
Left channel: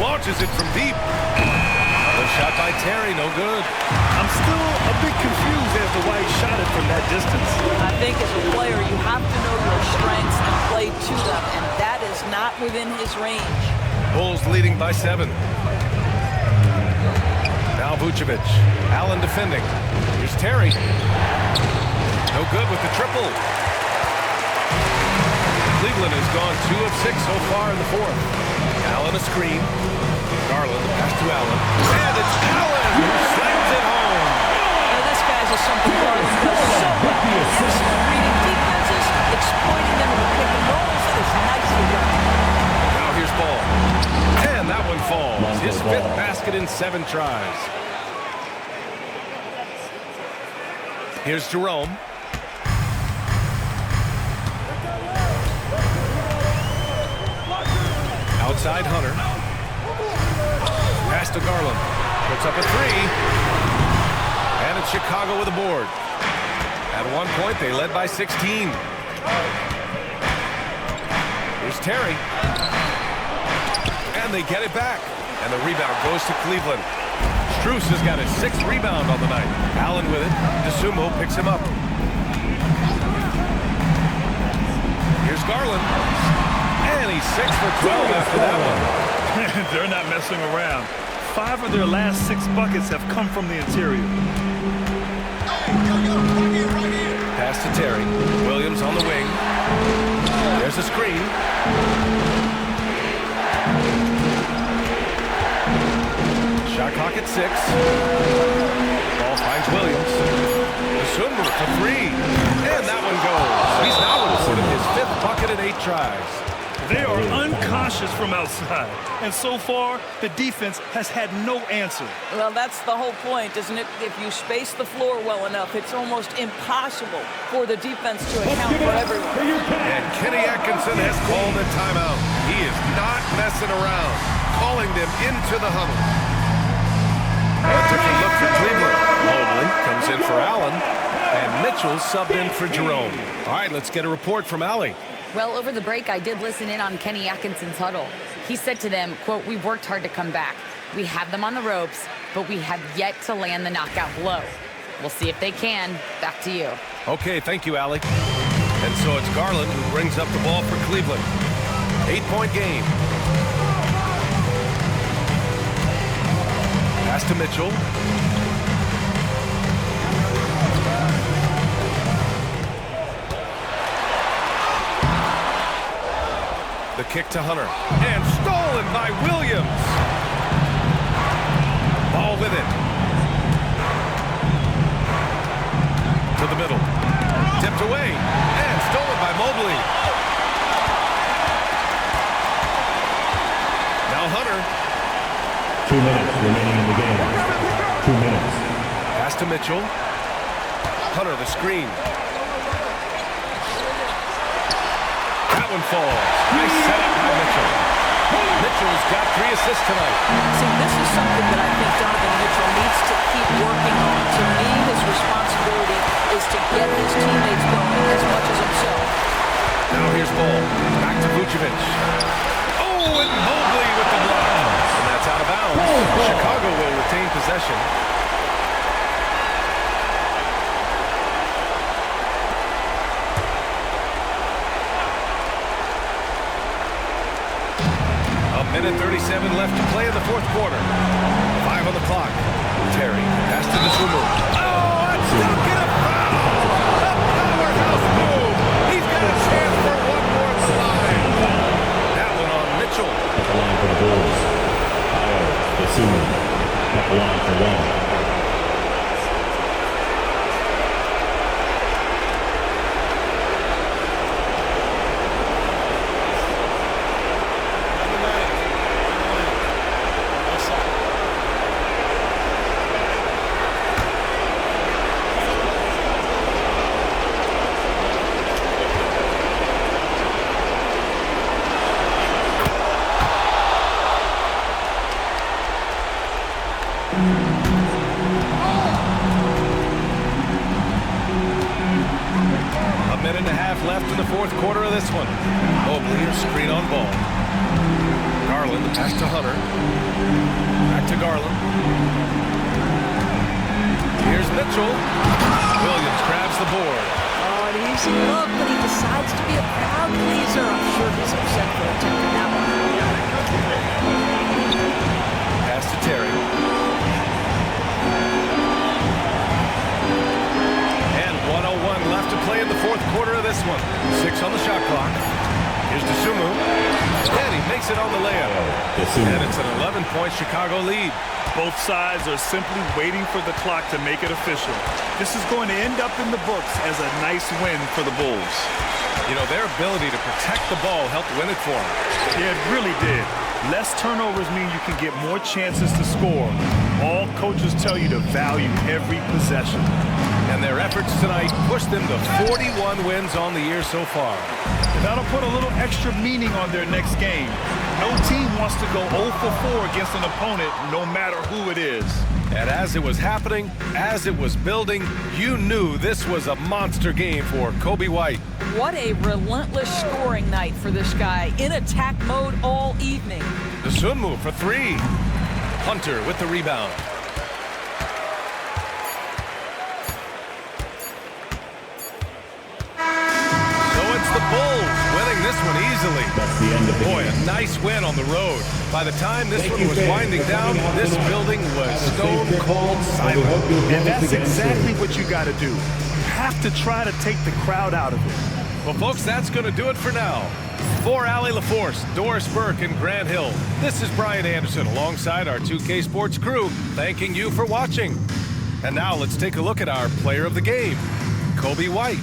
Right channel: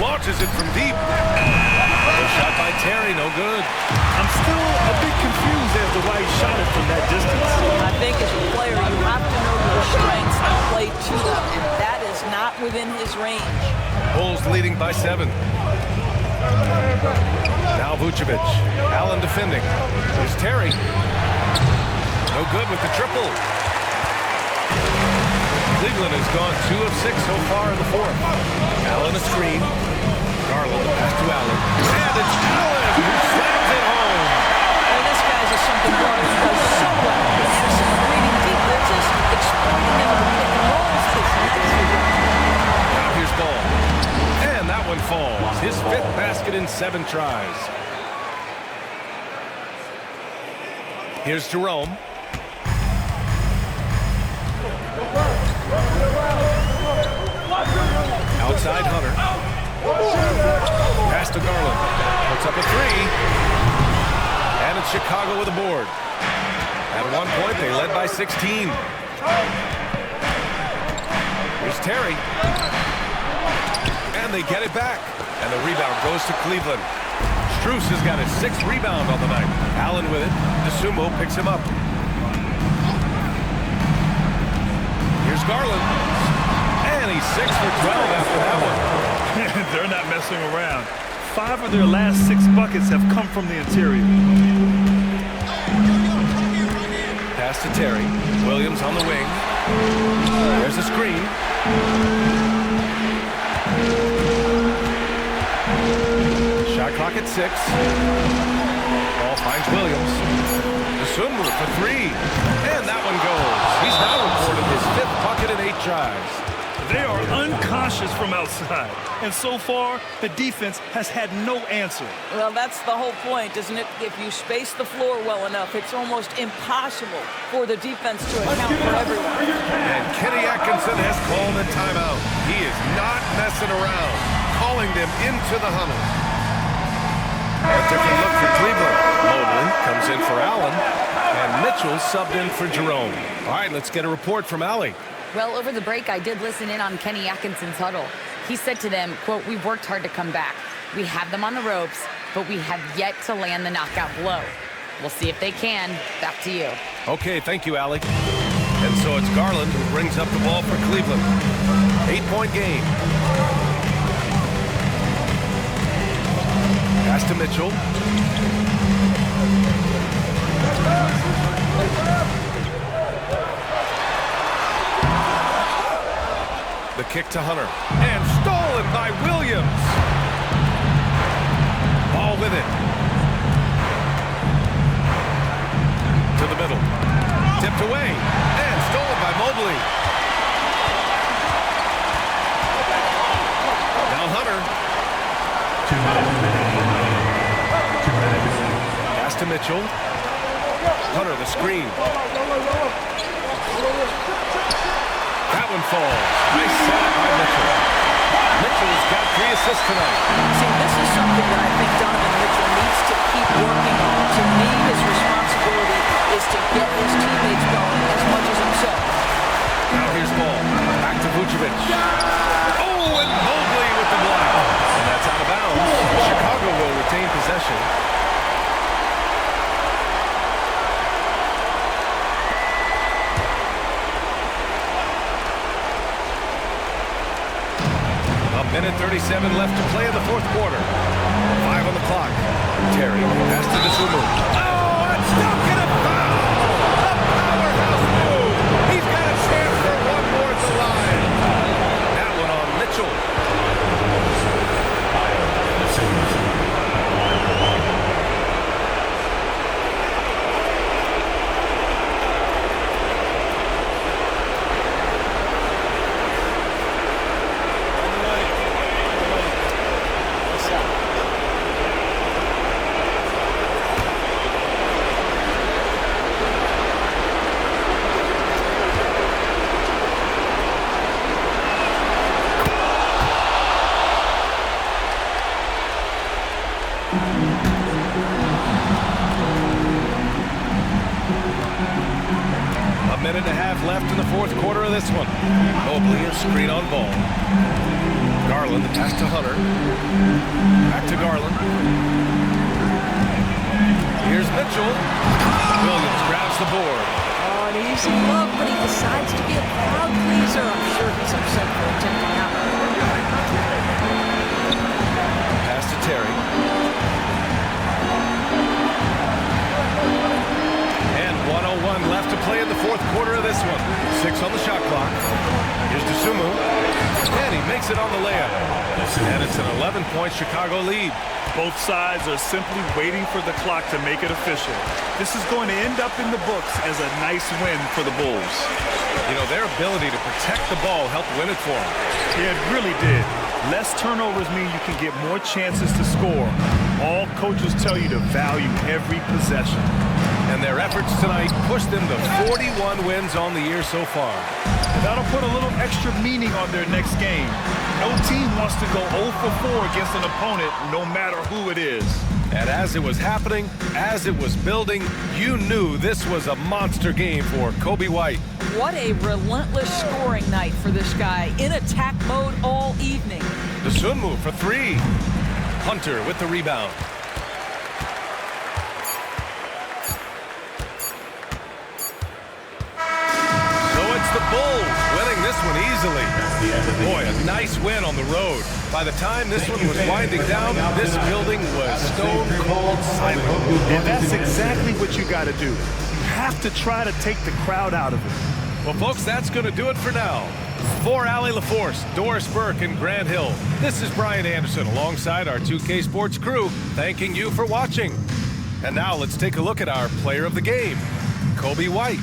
Launches it from deep. The shot by Terry, no good. I'm still a bit confused as to why he shot it from that distance. I think as a player, you have to know your strengths and play to them, and that is not within his range. Bulls leading by 7. Now Vucevic. Allen defending. Here's Terry. No good with the triple. Cleveland has gone 2 of 6 so far in the 4th. Allen a screen. Garland, the pass to Allen. And it's Allen who slams it home. Now this guy's is something Garland does so well. Excellent reading defenses, exploiting them in the pick and rolls. That is nicely done. Now here's Ball. And that one falls. His 5th basket in 7 tries. Here's Jerome. Outside Hunter. Pass to Garland. Puts up a 3. And it's Chicago with a board. At one point, they led by 16. Here's Terry. And they get it back. And the rebound goes to Cleveland. Strus has got his 6th rebound on the night. Allen with it. DeSumo picks him up. Here's Garland. And he's 6 for 12 after that one. They're not messing around. 5 of their last 6 buckets have come from the interior. Pass to Terry. Williams on the wing. There's a screen. Shot clock at 6. Ball finds Williams. Dosunmu for 3. And that one goes. He's now recorded his 5th bucket in 8 tries. They are unconscious from outside. And so far, the defense has had no answer. Well, that's the whole point, isn't it? If you space the floor well enough, it's almost impossible for the defense to account for everyone. And Kenny Atkinson has called a timeout. He is not messing around, calling them into the huddle. A different look for Cleveland. Mobley comes in for Allen, and Mitchell subbed in for Jerome. All right, let's get a report from Allie. Well, over the break, I did listen in on Kenny Atkinson's huddle. He said to them, quote, "We've worked hard to come back. We have them on the ropes, but we have yet to land the knockout blow. We'll see if they can." Back to you. Okay, thank you, Allie. And so it's Garland who brings up the ball for Cleveland. 8-point game. Pass to Mitchell. The kick to Hunter. And stolen by Williams. Ball with it. To the middle. Tipped away. And stolen by Mobley. Now Hunter. 2 minutes remaining in the game. 2 minutes. Pass to Mitchell. Hunter, the screen. That one falls. Nice setup by Mitchell. Mitchell's got 3 assists tonight. See, this is something that I think Donovan Mitchell needs to keep working on. To me, his responsibility is to get his teammates going as much as himself. Now here's ball. Back to Vucevic. Oh, and Mobley with the block. And that's out of bounds. Chicago will retain possession. A minute 37 left to play in the 4th quarter. 5 on the clock. Terry, pass to Dosunmu. Oh, it's stuck in a foul! A powerhouse move! He's got a chance for one more at the line. That one on Mitchell. At the line for the Bulls. Dosunmu at the line for 1. Minute and a half left in the 4th quarter of this one. Mobley, a screen on ball. Garland, the pass to Hunter. Back to Garland. Here's Mitchell. Williams grabs the board. Oh, an easy look, but he decides to be a crowd pleaser. I'm sure he's upset for attempting that one. Pass to Terry. And 1:01 left to play in the 4th quarter of this one. 6 on the shot clock. Here's Dosunmu. And he makes it on the layup. And it's an 11-point Chicago lead. Both sides are simply waiting for the clock to make it official. This is going to end up in the books as a nice win for the Bulls. You know, their ability to protect the ball helped win it for them. Yeah, it really did. Less turnovers mean you can get more chances to score. All coaches tell you to value every possession. And their efforts tonight pushed them to 41 wins on the year so far. And that'll put a little extra meaning on their next game. No team wants to go 0 for 4 against an opponent, no matter who it is. And as it was happening, as it was building, you knew this was a monster game for Kobe White. What a relentless scoring night for this guy. In attack mode all evening. Dosunmu for 3. Hunter with the rebound. The Bulls winning this one easily. That's the end of the Boy, a nice win on the road. By the time this one was winding down, this building was stone cold silent. And that's exactly what you got to do. You have to try to take the crowd out of it. Well, folks, that's going to do it for now. For Allie LaForce, Doris Burke, and Grant Hill, this is Brian Anderson alongside our 2K Sports crew, thanking you for watching. And now let's take a look at our player of the game, Kobe White.